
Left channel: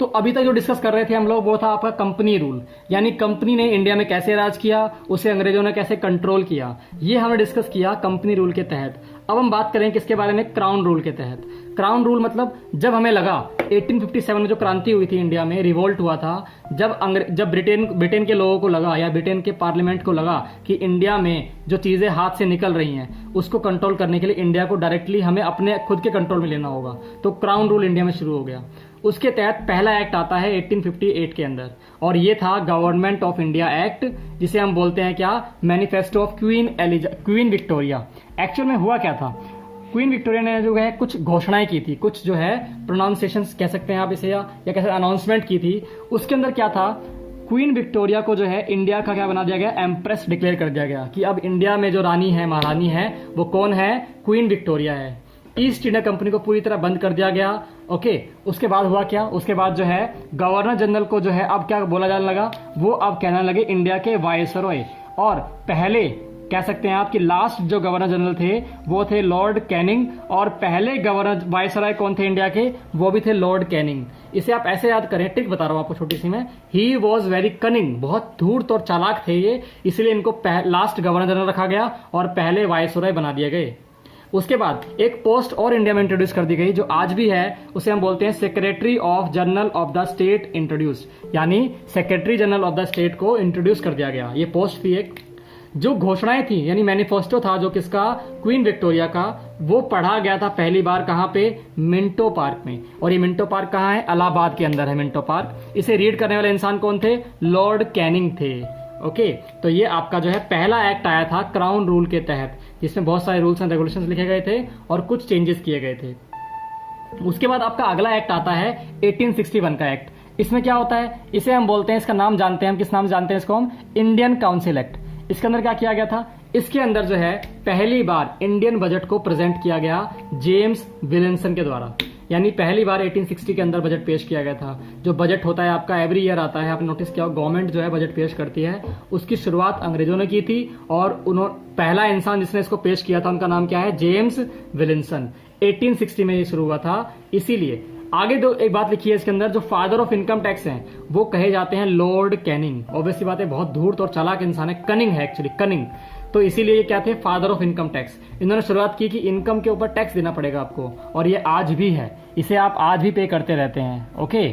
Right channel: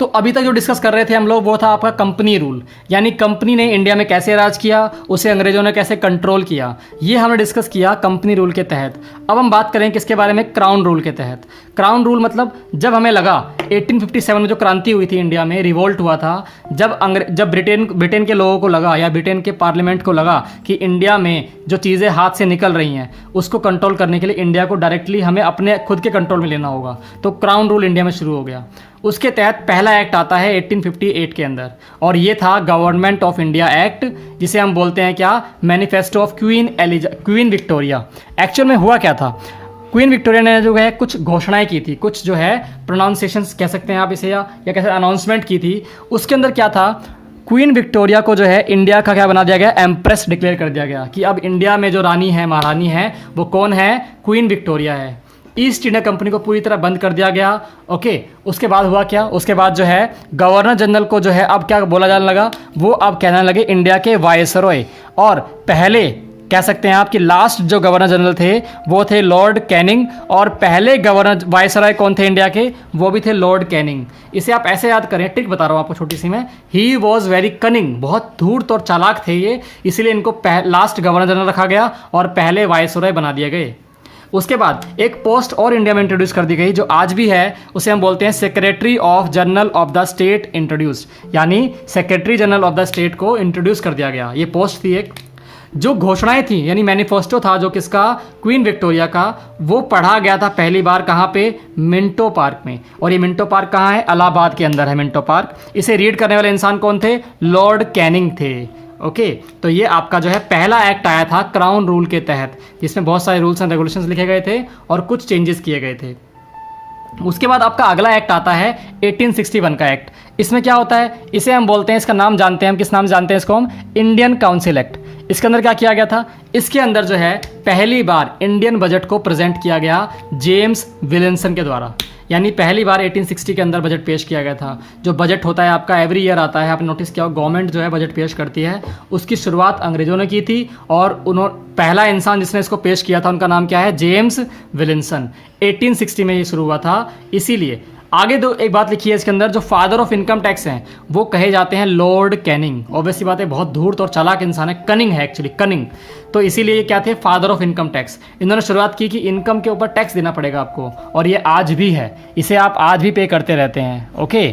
तो अभी तक जो डिस्कस कर रहे थे हम लोग वो था आपका कंपनी रूल, यानी कंपनी ने इंडिया में कैसे राज किया, उसे अंग्रेजों ने कैसे कंट्रोल किया, ये हमने डिस्कस किया कंपनी रूल के तहत। अब हम बात करें किसके बारे में, क्राउन रूल के तहत। क्राउन रूल मतलब जब हमें लगा 1857 में जो क्रांति हुई थी इंडिया में, रिवोल्ट हुआ था, जब ब्रिटेन के लोगों को लगा या ब्रिटेन के पार्लियामेंट को लगा कि इंडिया में जो चीज़ें हाथ से निकल रही हैं उसको कंट्रोल करने के लिए इंडिया को डायरेक्टली हमें अपने खुद के कंट्रोल में लेना होगा, तो क्राउन रूल इंडिया में शुरू हो गया। उसके तहत पहला एक्ट आता है 1858 के अंदर, और ये था गवर्नमेंट ऑफ इंडिया एक्ट, जिसे हम बोलते हैं क्या, manifesto of queen Victoria. Actual में हुआ क्या था, क्वीन विक्टोरिया ने जो है कुछ घोषणाएं की थी, कुछ जो है प्रोनाउंसिएशंस कह सकते हैं आप इसे, या कैसे अनाउंसमेंट की थी। उसके अंदर क्या था, क्वीन विक्टोरिया को जो है इंडिया का क्या बना दिया गया, एम्प्रेस डिक्लेयर कर दिया गया कि अब इंडिया में जो रानी है, महारानी है, वो कौन है, क्वीन विक्टोरिया है। ईस्ट इंडिया कंपनी को पूरी तरह बंद कर दिया गया, ओके। उसके बाद हुआ क्या, उसके बाद जो है गवर्नर जनरल को जो है अब क्या बोला जाने लगा, वो अब कहने लगे इंडिया के वायसरॉय। और पहले कह सकते हैं आप कि लास्ट जो गवर्नर जनरल थे वो थे लॉर्ड कैनिंग, और पहले गवर्नर वायसरॉय कौन थे इंडिया के, वो भी थे लॉर्ड कैनिंग। इसे आप ऐसे याद करें, ट्रिक बता रहा हूँ आपको छोटी सी मैं, ही वॉज वेरी कनिंग, बहुत धूर्त और चालाक थे ये, इसलिए इनको लास्ट गवर्नर जनरल रखा गया और पहले वायसरॉय बना दिए गए। उसके बाद एक पोस्ट और इंडिया में इंट्रोड्यूस कर दी गई जो आज भी है, उसे हम बोलते हैं secretary of general of the state introduce, यानी secretary general of the state को इंट्रोड्यूस कर दिया गया। ये पोस्ट थी एक, जो घोषणाएं थी यानी मैनिफेस्टो था जो किसका, क्वीन विक्टोरिया का, वो पढ़ा गया था पहली बार कहाँ पे, मिंटो पार्क में। और ये मिंटो पार्क कहाँ है, इलाहाबाद के अंदर है मिंटो पार्क। इसे रीड करने वाले इंसान कौन थे, लॉर्ड कैनिंग थे। ओके, तो ये आपका जो है पहला एक्ट आया था क्राउन रूल के तहत, जिसमें बहुत सारे रूल्स एंड रेगुलेशंस लिखे गए थे और कुछ चेंजेस किए गए थे। उसके बाद आपका अगला एक्ट आता है 1861 का एक्ट। इसमें क्या होता है, इसे हम बोलते हैं, इसका नाम जानते हैं हम, किस नाम से जानते हैं इसको हम, इंडियन काउंसिल एक्ट। इसके अंदर क्या किया गया था, इसके अंदर जो है पहली बार इंडियन बजट को प्रेजेंट किया गया जेम्स विलियमसन के द्वारा। यानी पहली बार 1860 के अंदर बजट पेश किया गया था। जो बजट होता है आपका एवरी ईयर आता है, आपने नोटिस किया, गवर्नमेंट जो है बजट पेश करती है। उसकी शुरुआत अंग्रेजों ने की थी और पहला इंसान जिसने इसको पेश किया था उनका नाम क्या है, जेम्स विलियमसन। 1860 में ये शुरू हुआ था। इसीलिए आगे दो एक बात लिखी है इसके अंदर, जो फादर ऑफ इनकम टैक्स हैं वो कहे जाते हैं लॉर्ड कैनिंग। ऑब्वियसली बात है, बहुत धूर्त और चालाक इंसान है, कनिंग है एक्चुअली, कनिंग। तो इसीलिए ये क्या थे, फादर ऑफ इनकम टैक्स। इन्होंने शुरुआत की कि इनकम के ऊपर टैक्स देना पड़ेगा आपको, और ये आज भी है, इसे आप आज भी पे करते रहते हैं। ओके,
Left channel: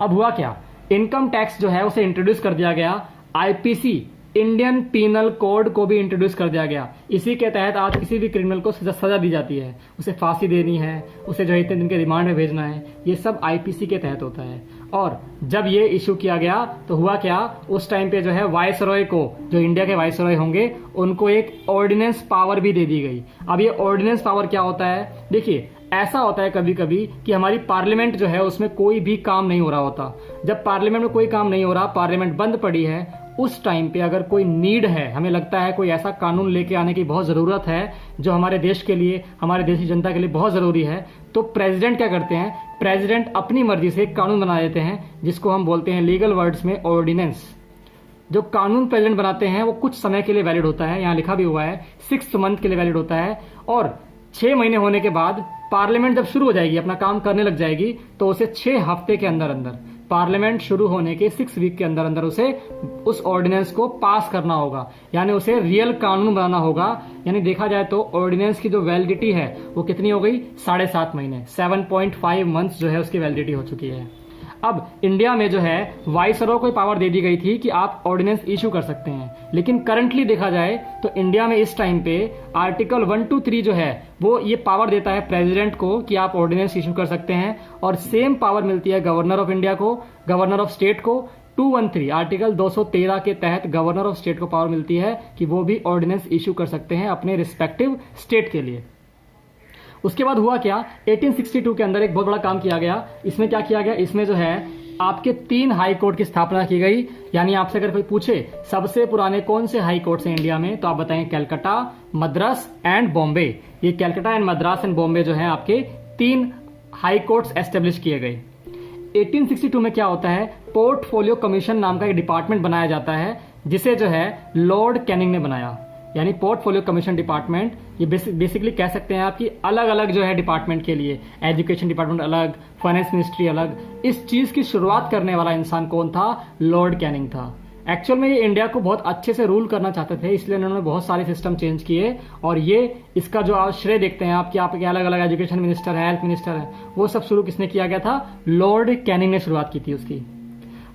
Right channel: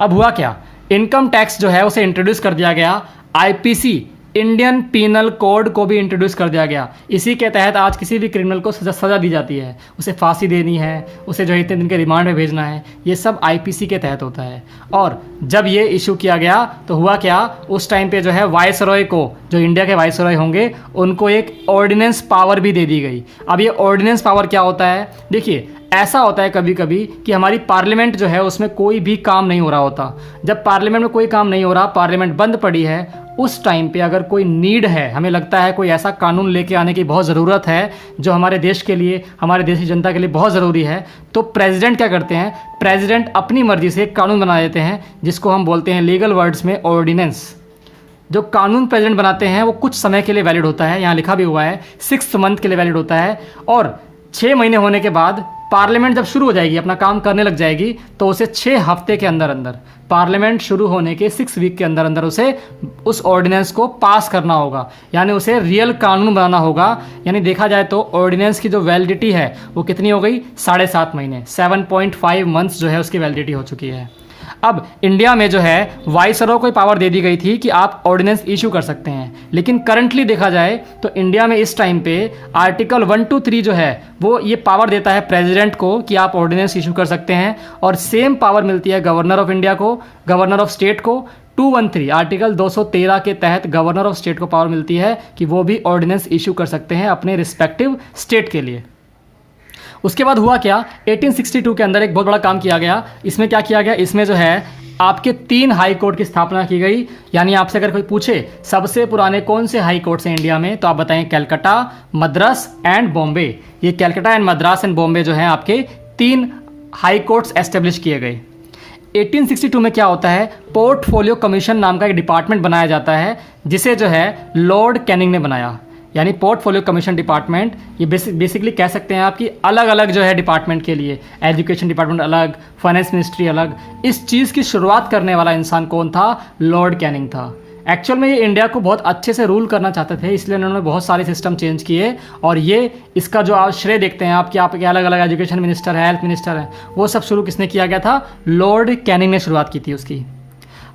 अब हुआ क्या, इनकम टैक्स जो है उसे इंट्रोड्यूस कर दिया गया, आईपीसी इंडियन पीनल कोड को भी इंट्रोड्यूस कर दिया गया। इसी के तहत आज किसी भी क्रिमिनल को सजा दी जाती है, उसे फांसी देनी है, उसे जो है इतने दिन के रिमांड में भेजना है, ये सब आईपीसी के तहत होता है। और जब ये इशू किया गया तो हुआ क्या, उस टाइम पे जो है वायसरॉय को, जो इंडिया के वायसरॉय होंगे, उनको एक ऑर्डिनेंस पावर भी दे दी गई। अब ये ऑर्डिनेंस पावर क्या होता है, देखिए ऐसा होता है कभी कभी कि हमारी पार्लियामेंट जो है उसमें कोई भी काम नहीं हो रहा होता। जब पार्लियामेंट में कोई काम नहीं हो रहा, पार्लियामेंट बंद पड़ी है, उस टाइम पे अगर कोई नीड है, हमें लगता है कोई ऐसा कानून लेके आने की बहुत ज़रूरत है जो हमारे देश के लिए, हमारे देश की जनता के लिए बहुत ज़रूरी है, तो प्रेसिडेंट क्या करते हैं, प्रेसिडेंट अपनी मर्जी से एक कानून बना देते हैं जिसको हम बोलते हैं लीगल वर्ड्स में ऑर्डिनेंस। जो कानून प्रेसिडेंट बनाते हैं वो कुछ समय के लिए वैलिड होता है, यहाँ लिखा भी हुआ है 6 मंथ के लिए वैलिड होता है, और 6 महीने होने के बाद पार्लियामेंट जब शुरू हो जाएगी, अपना काम करने लग जाएगी, तो उसे 6 हफ्ते के अंदर अंदर, पार्लियामेंट शुरू होने के 6 वीक के अंदर अंदर उसे उस ऑर्डिनेंस को पास करना होगा, यानी उसे रियल कानून बनाना होगा। यानी देखा जाए तो ऑर्डिनेंस की जो वैलिडिटी है वो कितनी हो गई, 7.5 महीने, 7.5 मंथ्स जो है उसकी वैलिडिटी हो चुकी है। अब इंडिया में जो है वाइसरॉय को पावर दे दी गई थी कि आप ऑर्डिनेंस इशू कर सकते हैं, लेकिन करंटली देखा जाए तो इंडिया में इस टाइम पे आर्टिकल 123 जो है वो ये पावर देता है प्रेसिडेंट को कि आप ऑर्डिनेंस इशू कर सकते हैं, और सेम पावर मिलती है गवर्नर ऑफ इंडिया को, गवर्नर ऑफ स्टेट को। 213 आर्टिकल 213 के तहत गवर्नर ऑफ स्टेट को पावर मिलती है कि वो भी ऑर्डिनेंस इशू कर सकते हैं अपने रिस्पेक्टिव स्टेट के लिए। उसके बाद हुआ क्या, 1862 के अंदर एक बहुत बड़ा काम किया गया। इसमें क्या किया गया, इसमें जो है आपके 3 हाई कोर्ट की स्थापना की गई। यानी आपसे अगर कोई पूछे सबसे पुराने कौन से हाई कोर्ट्स हैं इंडिया में, तो आप बताएं कलकत्ता, मद्रास एंड बॉम्बे। ये कलकत्ता एंड मद्रास एंड बॉम्बे जो है आपके 3 हाई कोर्ट्स एस्टेब्लिश किए गए। 1862 में क्या होता है, पोर्टफोलियो कमीशन नाम का एक डिपार्टमेंट बनाया जाता है, जिसे जो है लॉर्ड कैनिंग ने बनाया। यानी पोर्टफोलियो कमीशन डिपार्टमेंट, ये बेसिकली कह सकते हैं आपकी अलग अलग जो है डिपार्टमेंट के लिए, एजुकेशन डिपार्टमेंट अलग, फाइनेंस मिनिस्ट्री अलग। इस चीज़ की शुरुआत करने वाला इंसान कौन था, लॉर्ड कैनिंग था। एक्चुअल में ये इंडिया को बहुत अच्छे से रूल करना चाहते थे, इसलिए उन्होंने बहुत सारे सिस्टम चेंज किए, और ये इसका जो आप श्रेय देखते हैं आपके अलग अलग एजुकेशन मिनिस्टर है, हेल्थ मिनिस्टर है, वो सब शुरू किसने किया गया था, लॉर्ड कैनिंग ने शुरुआत की थी उसकी।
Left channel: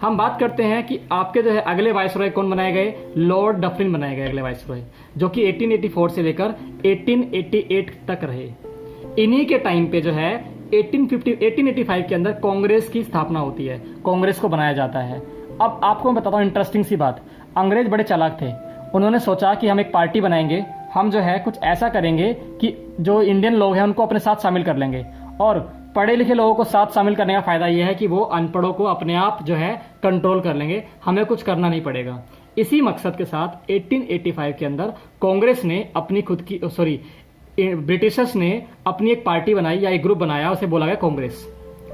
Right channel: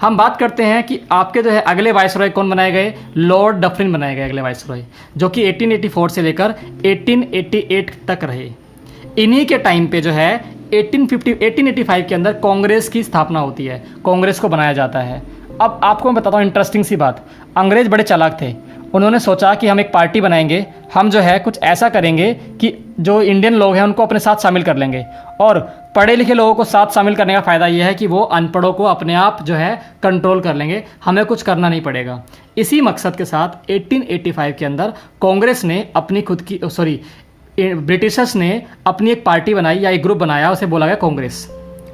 हम बात करते हैं कि आपके जो है अगले वाइसरॉय कौन बनाए गए, लॉर्ड डफरिन बनाए गए अगले वाइसरॉय, जो कि 1884 से लेकर 1888 तक रहे। इन्हीं के टाइम पे जो है 1885 के अंदर कांग्रेस की स्थापना होती है, कांग्रेस को बनाया जाता है। अब आपको मैं बताता हूँ इंटरेस्टिंग सी बात, अंग्रेज बड़े चालाक थे, उन्होंने सोचा कि हम एक पार्टी बनाएंगे, हम जो है कुछ ऐसा करेंगे कि जो इंडियन लोग हैं उनको अपने साथ शामिल कर लेंगे, और पढ़े लिखे लोगों को साथ शामिल करने का फ़ायदा ये है कि वो अनपढ़ों को अपने आप जो है कंट्रोल कर लेंगे, हमें कुछ करना नहीं पड़ेगा। इसी मकसद के साथ 1885 के अंदर कांग्रेस ने अपनी खुद की ब्रिटिशर्स ने अपनी एक पार्टी बनाई या एक ग्रुप बनाया, उसे बोला गया कांग्रेस।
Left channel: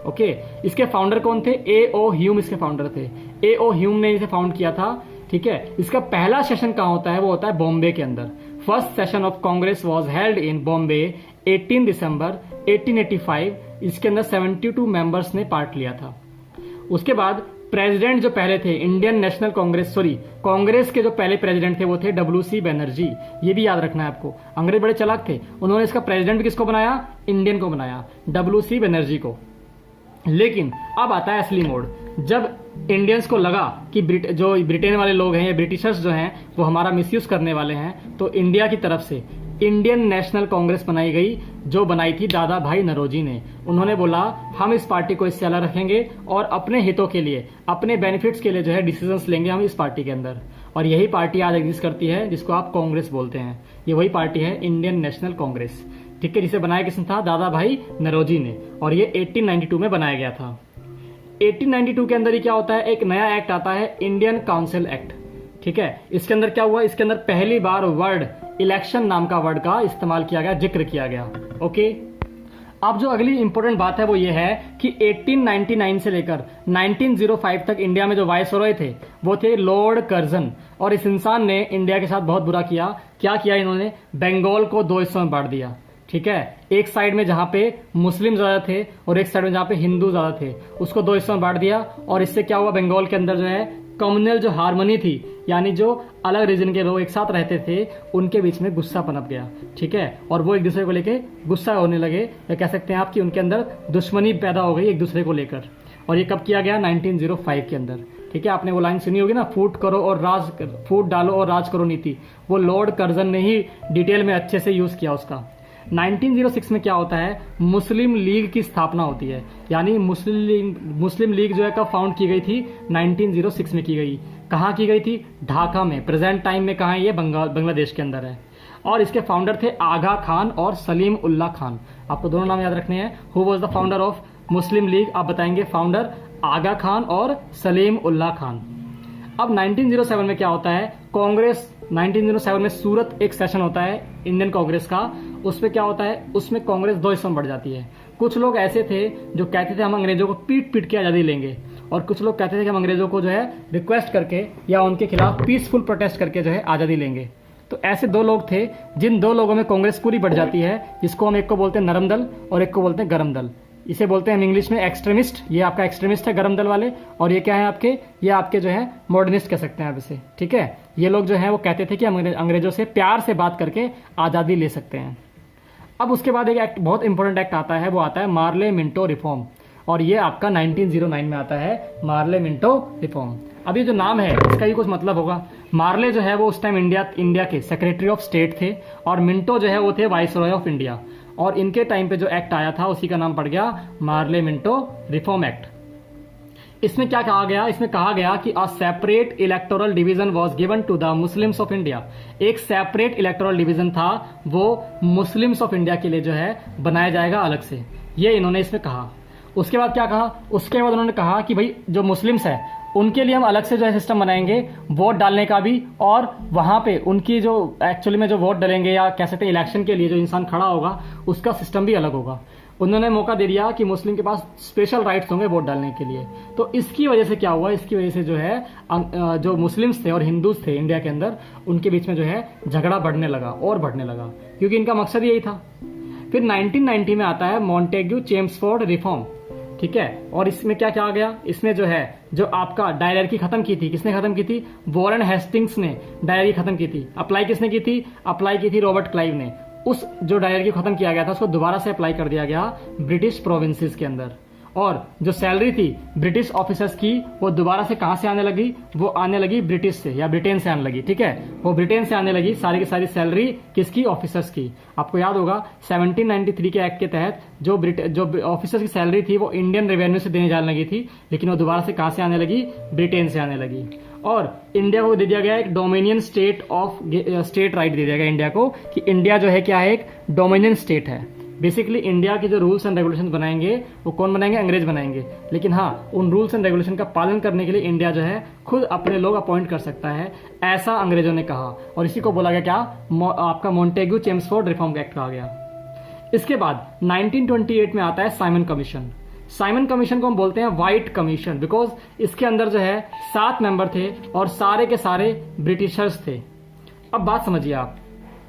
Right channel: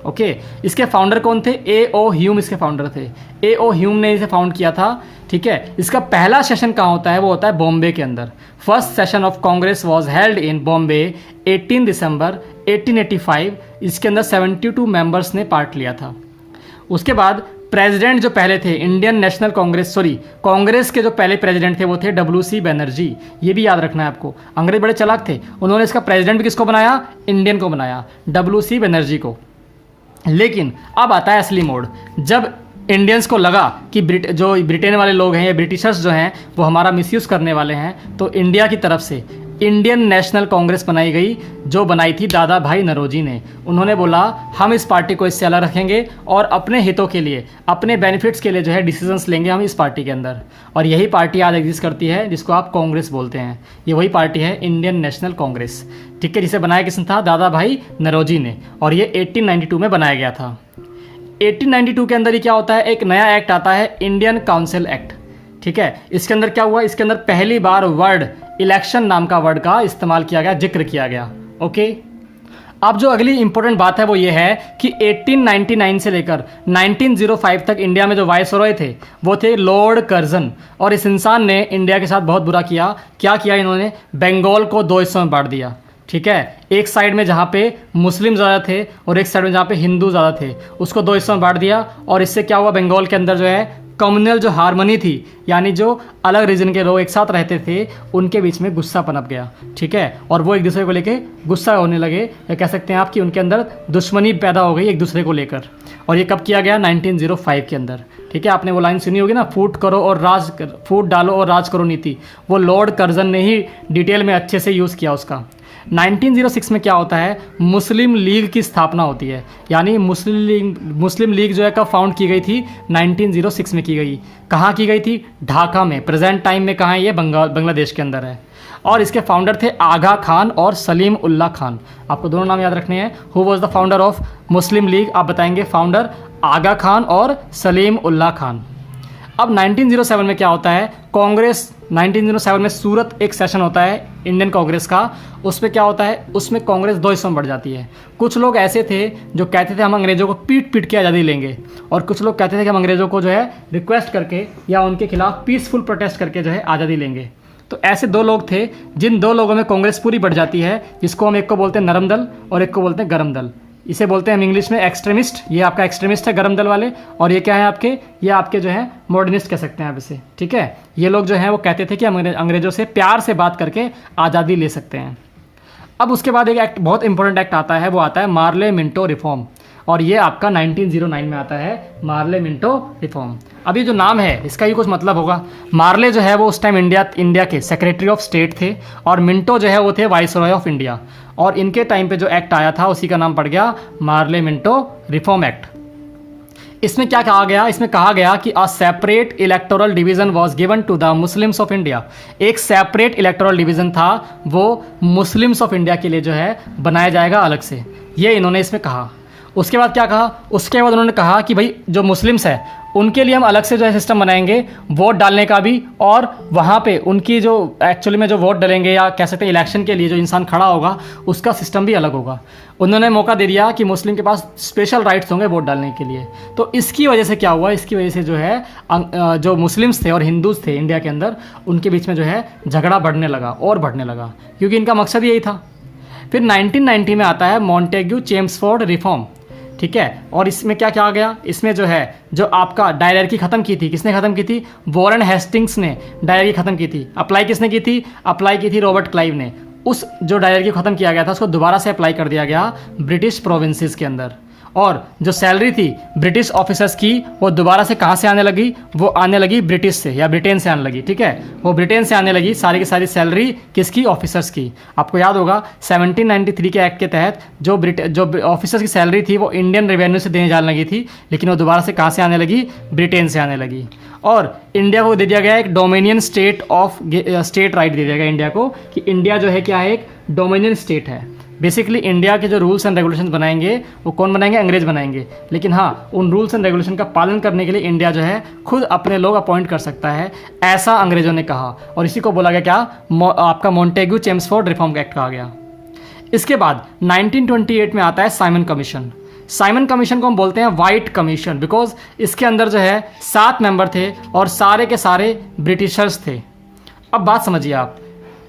ओके, इसके फाउंडर कौन थे, A.O. ह्यूम इसके फाउंडर थे। A.O. ह्यूम ने इसे फाउंड किया था, ठीक है। इसका पहला सेशन कहाँ होता है, वो होता है बॉम्बे के अंदर। First session of Congress was held in Bombay 18 दिसंबर 1885। इसके अंदर 72 मेंबर्स ने पार्ट लिया था। उसके बाद प्रेसिडेंट जो पहले थे इंडियन नेशनल कांग्रेस के जो पहले प्रेसिडेंट थे वो थे WC बनर्जी। ये भी याद रखना है आपको, अंग्रेज बड़े चालाक थे, उन्होंने इसका प्रेसिडेंट भी किसको बनाया, इंडियन को बनाया, WC बनर्जी को। लेकिन अब आता है असली मोड़, जब इंडियंस को लगा कि जो ब्रिटेन वाले लोग हैं या ब्रिटिशर्स जो हैं वो हमारा मिसयूज़ करने वाले हैं, तो इंडिया की तरफ से इंडियन नेशनल कांग्रेस बनाई गई, जो बनाई थी दादा भाई नौरोजी ने। उन्होंने बोला हम इस पार्टी को इससे अलग रखेंगे और अपने हितों के लिए, अपने बेनिफिट्स के लिए जो है डिसीजंस लेंगे हम इस पार्टी के अंदर। और यही पार्टी आज एग्जिस्ट करती है जिसको आप कांग्रेस बोलते हैं। ये वही पार्टी है इंडियन नेशनल कांग्रेस, ठीक है, जिसे बनाया किसने था? दादा भाई नौरोजी ने। और ये 1892 में बनाया गया था। 1892 के अंदर ही क्या होता है, एक नया एक्ट आता है, इंडियन काउंसिल एक्ट, ठीक है। इसके अंदर क्या हुआ, इसके अंदर पहली बार वर्ड इलेक्शन नाम का वर्ड का इस्तेमाल किया गया, जिक्र किया गया। ओके, अब जो अगली इंपॉर्टेंट बात है वो ये है कि 1899 से लेकर 1905 तक इंडिया में जो वायसरॉय थे वो थे लॉर्ड कर्जन। और इस इंसान ने इंडिया के साथ बहुत बुरा किया। क्या किया इन्होंने? बंगाल को दो हिस्सों में बांट दिया, ठीक है। एक साइड में जहाँ पे मुस्लिम ज़्यादा थे और एक साइड में जहाँ पे हिंदू ज़्यादा थे, उसको दो हिस्सों में बांट दिया। और इससे क्या हुआ, बंगाल के अंदर जो है कम्युनल जो हारमोनी थी, यानी जो अलग रीजन के लोग एक साथ रहते थे उनके बीच में गुस्सा पनप गया, ठीक है। और वो एक दूसरे को लेके गुस्सा होने लगे, या कह सकते हैं आप कि उनके अंदर दुश्मनी पैदा हो गई एक दूसरे को लेकर। और ये कब किया गया? 1905 के अंदर, ठीक है। आपने वो लाइन सुनी होगी ना, फूट डालो और राज करो नीति। वो लॉर्ड कर्जन ने ही डिटेल में अच्छे से यूज़ किया उसका। 1906 में क्या होता है, मुस्लिम लीग की स्थापना होती है। यानी मुस्लिम लीग जो है कब फाउंड की गई थी? 1906 में की गई। कहाँ की गई थी? ढाका में। प्रेजेंट टाइम में कहाँ है ये? बांग्लादेश के अंदर है। और इसके फाउंडर थे आगा खान और सलीम उल्लाह खान। आपको दोनों नाम याद रखने हैं। Who was the founder of Muslim league? आप बताएंगे फाउंडर आगा खान और सलीम उल्लाह खान। अब 1907 में क्या होता है, कांग्रेस 1907 में सूरत एक सेशन होता है इंडियन कांग्रेस का। उसमें क्या होता है, उसमें कांग्रेस दो हिस्सों में बढ़ जाती है। कुछ लोग ऐसे थे जो कहते थे हम अंग्रेज़ों को पीट पीट के आज़ादी लेंगे, और कुछ लोग कहते थे कि हम अंग्रेज़ों को जो है रिक्वेस्ट करके या उनके खिलाफ पीसफुल प्रोटेस्ट करके जो है आज़ादी लेंगे। तो ऐसे दो लोग थे, जिन दो लोगों में कांग्रेस पूरी बढ़ जाती है, जिसको हम एक को बोलते हैं नरम दल और एक को बोलते हैं गरम दल। इसे बोलते हैं हम इंग्लिश में एक्सट्रीमिस्ट। ये आपका एक्सट्रीमिस्ट है गरम दल वाले, और ये क्या है आपके, ये आपके जो है मॉडर्निस्ट कह सकते हैं आप इसे, ठीक है। ये लोग जो हैं वो कहते थे कि हम अंग्रेज़ों से प्यार से बात करके आज़ादी ले सकते हैं। अब उसके बाद एक एक्ट, बहुत इंपॉर्टेंट एक्ट आता है, वो आता है मार्ले मिंटो रिफॉर्म, और ये आपका 1909 में आता है, मार्ले मिंटो रिफॉर्म। अब ये जो नाम है इसका ही कुछ मतलब होगा। मार्ले जो है वो उस टाइम इंडिया के सेक्रेटरी ऑफ स्टेट थे, और मिंटो जो है वो थे वाइसरॉय ऑफ इंडिया। और इनके टाइम पे जो एक्ट आया था उसी का नाम पड़ गया मार्ले मिंटो रिफॉर्म एक्ट। इसमें क्या कहा गया, इसमें कहा गया कि a separate electoral division was given to the Muslims of India. एक सेपरेट इलेक्टोरल डिवीजन था, वो मुस्लिम्स ऑफ इंडिया के लिए जो है बनाया जाएगा अलग से, ये इन्होंने इसमें कहा। उसके बाद क्या कहा, उसके बाद उन्होंने कहा कि भाई जो मुस्लिम्स हैं उनके लिए हम अलग से जो है सिस्टम बनाएंगे वोट डालने का भी, और वहाँ पे उनकी जो एक्चुअली में जो वोट डालेंगे या कह सकते हैं इलेक्शन के लिए जो इंसान खड़ा होगा उसका सिस्टम भी अलग होगा। उन्होंने मौका दे दिया कि मुस्लिम के पास स्पेशल राइट्स होंगे वोट डालने के लिए। तो इसकी वजह से क्या हुआ, इसकी वजह से जो है जो मुस्लिम्स थे और हिंदूज थे इंडिया के अंदर, उनके बीच में जो है झगड़ा बढ़ने लगा और बढ़ने लगा, क्योंकि इनका मकसद यही था। फिर 1990 में आता है मॉन्टेग्यू चेम्सफोर्ड रिफॉर्म, ठीक है। और इसमें क्या कहा गया, इसमें जो है जो आपका डायरेक्टी खत्म की थी, किसने खत्म की थी? वॉरेन हेस्टिंग्स ने डायरेक्टी खत्म की थी। अप्लाई किसने की थी? अप्लाई की थी रॉबर्ट क्लाइव ने। उस जो डायरेक्टी खत्म किया गया था उसको दोबारा से अप्लाई कर दिया गया ब्रिटिश प्रोविंसेस के अंदर। और जो सैलरी थी ब्रिटिश ऑफिसर्स की वो दोबारा से कहाँ से आने लगी, वो आने लगी ब्रिटिश से या ब्रिटेन से आने लगी, ठीक है। वो ब्रिटेन से आने लगी सारी की सारी सैलरी किसकी? ऑफिसर्स की। आपको याद होगा 1793 के एक्ट के तहत जो ऑफिसर्स की सैलरी थी वो इंडियन रेवेन्यू से देने जाने लगी थी, लेकिन वो दोबारा से कहाँ से आने लगी? ब्रिटेन से आने लगी। और इंडिया को दे दिया गया एक डोमिनियन स्टेट राइट दे दिया गया इंडिया को, कि इंडिया जो है क्या है, एक डोमिनियन स्टेट है। बेसिकली इंडिया के जो रूल्स एंड रेगुलेशंस बनाएंगे वो कौन बनाएंगे? अंग्रेज बनाएंगे। लेकिन हाँ, उन रूल्स एंड रेगुलेशन का पालन करने के लिए इंडिया जो है खुद अपने लोग अपॉइंट कर सकता है, ऐसा अंग्रेजों ने कहा। और इसी को बोला गया क्या? आपका मॉन्टेग्यू चेम्सफोर्ड रिफॉर्म एक्ट कहा गया। इसके बाद 1928 में आता है साइमन कमीशन। साइमन कमीशन को हम बोलते हैं वाइट कमीशन, बिकॉज इसके अंदर जो है 7 मेंबर थे और सारे के सारे ब्रिटिशर्स थे। अब बात समझिए आप,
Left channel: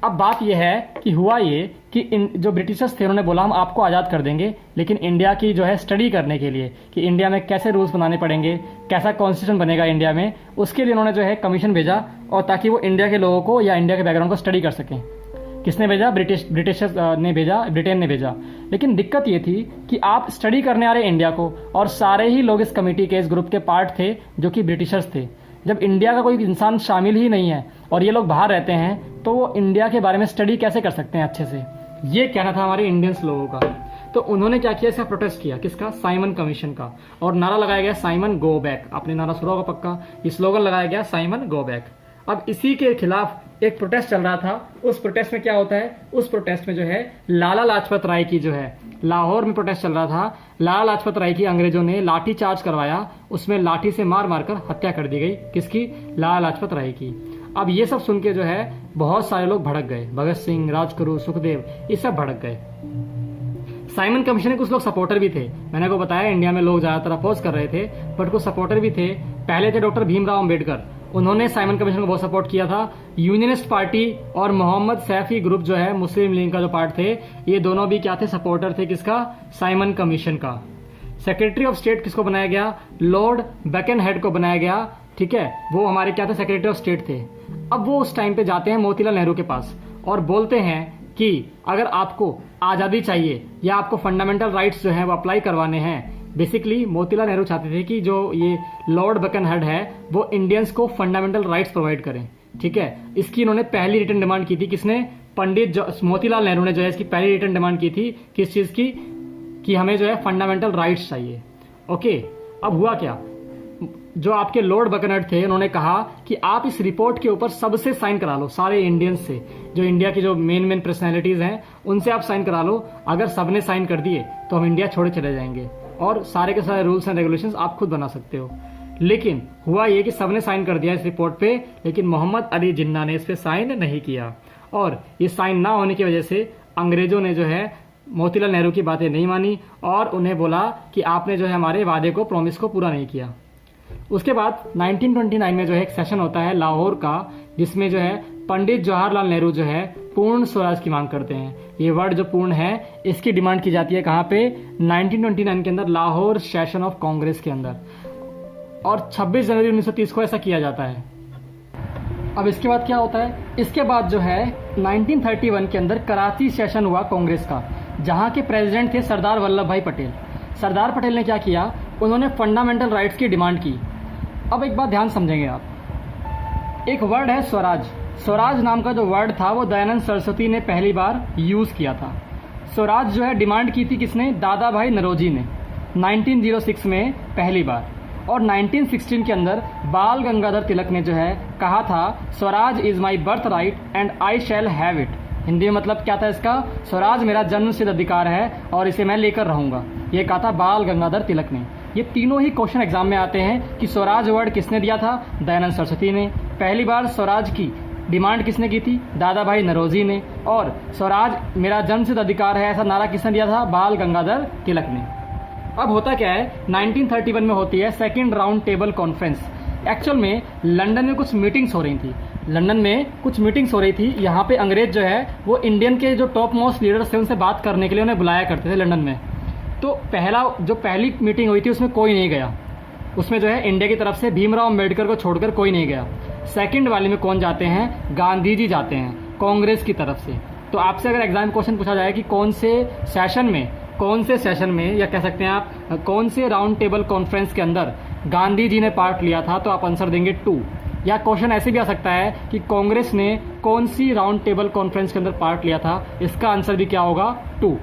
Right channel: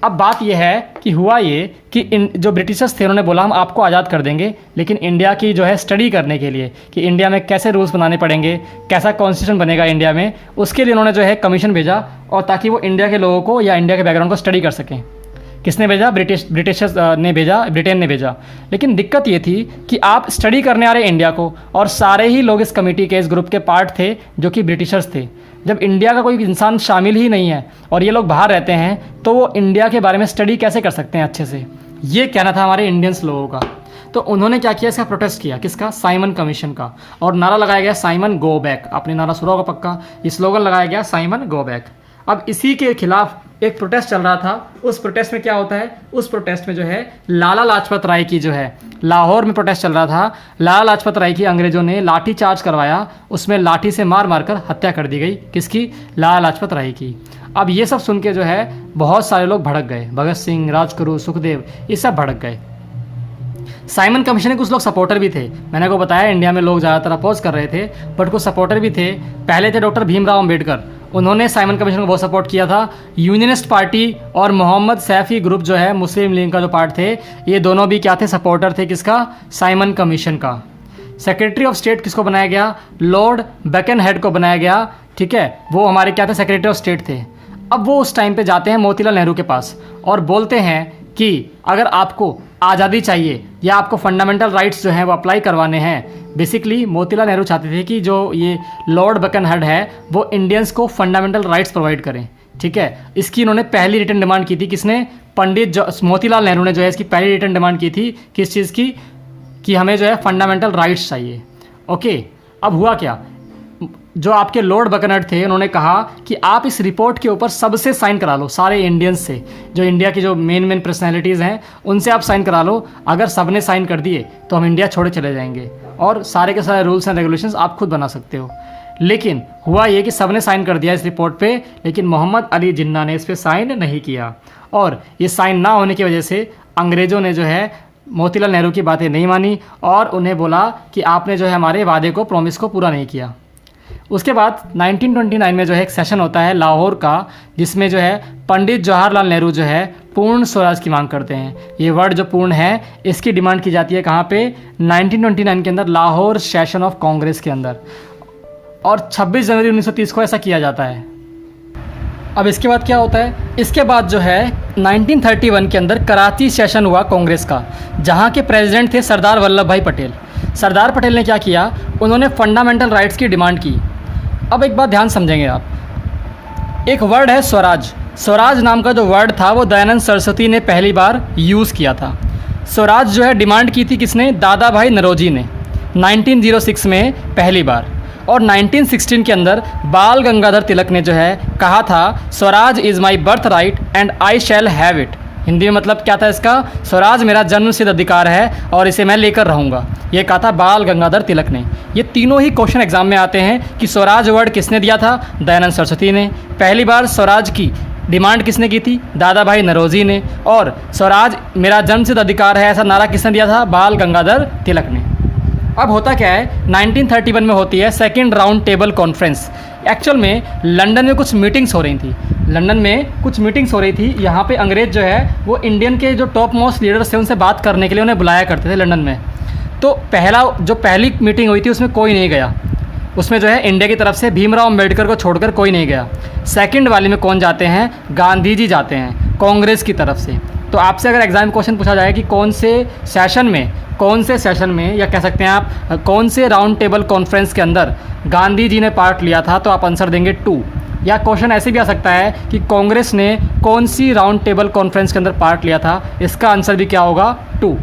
अब बात यह है कि हुआ ये कि जो ब्रिटिशर्स थे उन्होंने बोला हम आपको आज़ाद कर देंगे, लेकिन इंडिया की जो है स्टडी करने के लिए कि इंडिया में कैसे रूल्स बनाने पड़ेंगे, कैसा कॉन्स्टिट्यूशन बनेगा इंडिया में, उसके लिए उन्होंने जो है कमीशन भेजा, और ताकि वो इंडिया के लोगों को या इंडिया के बैकग्राउंड को स्टडी कर सकें किसने भेजा? ब्रिटिशर्स ने भेजा, ब्रिटेन ने भेजा। लेकिन दिक्कत ये थी कि आप स्टडी करने आ रहे इंडिया को, और सारे ही लोग इस कमेटी के, इस ग्रुप के पार्ट थे जो कि ब्रिटिशर्स थे। जब इंडिया का कोई इंसान शामिल ही नहीं है और ये लोग बाहर रहते हैं, तो वो इंडिया के बारे में स्टडी कैसे कर सकते हैं अच्छे से? ये कहना था हमारे इंडियंस लोगों का। तो उन्होंने क्या किया? इसका प्रोटेस्ट किया। किसका? साइमन कमीशन का। और नारा लगाया गया साइमन गो बैक। आपने नारा सुना होगा पक्का, ये स्लोगन लगाया गया साइमन गो बैक। अब इसी के खिलाफ एक प्रोटेस्ट चल रहा था। उस प्रोटेस्ट में क्या होता है? उस प्रोटेस्ट में जो है लाला लाजपत राय की, जो है लाहौर में प्रोटेस्ट चल रहा था, लाला लाजपत राय की अंग्रेजों ने लाठी चार्ज करवाया, उसमें लाठी से मार मार कर हत्या कर दी गई। किसकी? लाला लाजपत राय की। अब ये सब सुन के जो है बहुत सारे लोग भड़क गए। भगत सिंह, राजगुरु, सुखदेव, ये सब भड़क गए। साइमन कमीशन के कुछ लोग सपोर्टर भी थे। मैंने को बताया इंडिया में लोग ज़्यादातर अपोज कर रहे थे, बट कुछ सपोर्टर भी थे। पहले थे डॉक्टर भीमराव अम्बेडकर, उन्होंने साइमन कमीशन को बहुत सपोर्ट किया था। यूनियनिस्ट पार्टी और मोहम्मद सैफी ग्रुप जो है, मुस्लिम लीग का जो पार्ट थे, ये दोनों भी क्या थे? सपोर्टर थे। किसका? साइमन कमीशन का। सेक्रेटरी ऑफ स्टेट किसको बनाया गया? लॉर्ड बकेनहेड को बनाया गया। ठीक है, वो हमारे क्या थे? सेक्रेटरी ऑफ स्टेट थे। अब वो उस टाइम पे जाते हैं मोतीलाल नेहरू के पास और बोलते हैं कि अगर आपको आज़ादी चाहिए या आपको फंडामेंटल राइट्स जो हैं वो अप्लाई करवाने हैं। बेसिकली मोतीलाल नेहरू चाहते थे कि जो ये लॉर्ड बकेनहेड है वो इंडियंस को फंडामेंटल राइट्स प्रोवाइड करें। ठीक है, इसकी इन्होंने पहली रिटर्न डिमांड की थी। किसने? पंडित मोतीलाल नेहरू ने जो है इसकी पहली रिटर्न डिमांड की थी। किस चीज़ की? कि हमें जो है फंडामेंटल राइट्स चाहिए। ओके, अब हुआ क्या? जो आपके लॉर्ड बकेनहेड थे, उन्होंने कहा कि आप इस रिपोर्ट के ऊपर सबसे साइन करा लो, सारे इंडियंस से, जो इंडिया की जो मेन पर्सनैलिटीज़ हैं उनसे आप साइन करा लो। अगर सबने साइन कर दिए तो हम इंडिया छोड़े चले जाएंगे और सारे के सारे रूल्स एंड रेगुलेशंस आप खुद बना सकते हो। लेकिन हुआ ये कि सबने साइन कर दिया इस रिपोर्ट पे, लेकिन मोहम्मद अली जिन्ना ने इस पर साइन नहीं किया। और ये साइन ना होने की वजह से अंग्रेज़ों ने जो है मोतीलाल नेहरू की बातें नहीं मानी और उन्हें बोला कि आपने जो है हमारे वादे को, प्रॉमिस को पूरा नहीं किया। उसके बाद 1929 में जो है एक सेशन होता है लाहौर का, जिसमें जो है पंडित जवाहरलाल नेहरू जो है पूर्ण स्वराज की मांग करते हैं। ये वर्ड जो पूर्ण है, इसकी डिमांड की जाती है कहाँ पे? 1929 के अंदर लाहौर सेशन ऑफ कांग्रेस के अंदर, और 26 जनवरी 1930 को ऐसा किया जाता है। अब इसके बाद क्या होता है? इसके बाद जो है 1931 के अंदर कराची सेशन हुआ कांग्रेस का, जहाँ के प्रेसिडेंट थे सरदार वल्लभ भाई पटेल। सरदार पटेल ने क्या किया? उन्होंने फंडामेंटल राइट्स की डिमांड की। अब एक बात ध्यान समझेंगे आप, एक वर्ड है स्वराज। स्वराज नाम का जो वर्ड था वो दयानंद सरस्वती ने पहली बार यूज़ किया था। स्वराज जो है डिमांड की थी किसने? दादा भाई नौरोजी ने 1906 में पहली बार। और 1916 के अंदर बाल गंगाधर तिलक ने जो है कहा था Swaraj is my birth right and I shall have it. Hindi में मतलब क्या था इसका? स्वराज मेरा जन्मसिद्ध अधिकार है और इसे मैं लेकर रहूँगा। ये कहा था बाल गंगाधर तिलक ने। ये तीनों ही क्वेश्चन एग्जाम में आते हैं कि स्वराज वर्ड किसने दिया था? दयानंद सरस्वती ने। पहली बार स्वराज की डिमांड किसने की थी? दादा भाई नौरोजी ने। और स्वराज मेरा जन्मसिद्ध अधिकार है ऐसा नारा किसने दिया था? बाल गंगाधर तिलक ने। अब होता क्या है? 1931 में होती है second round table conference. Actual में लंदन में कुछ मीटिंग्स हो रही थी। लंदन में कुछ मीटिंग्स हो रही थी। यहाँ पे अंग्रेज़ जो है वो इंडियन के जो टॉप मोस्ट लीडर्स थे उनसे बात करने के लिए उन्हें बुलाया करते थे लंदन में। तो पहली मीटिंग हुई थी उसमें कोई नहीं गया। उसमें जो है इंडिया की तरफ से भीमराव अम्बेडकर को छोड़कर कोई नहीं गया। सेकंड वाले में कौन जाते हैं? गांधी जी जाते हैं कांग्रेस की तरफ से। तो आपसे अगर एग्जाम क्वेश्चन पूछा जाए कि कौन से सेशन में या कह सकते हैं आप कौन से राउंड टेबल कॉन्फ्रेंस के अंदर गांधी जी ने पार्ट लिया था, तो आप आंसर देंगे 2। या क्वेश्चन ऐसे भी आ सकता है कि कांग्रेस ने कौन सी राउंड टेबल कॉन्फ्रेंस के अंदर पार्ट लिया था, इसका आंसर भी क्या होगा? 2।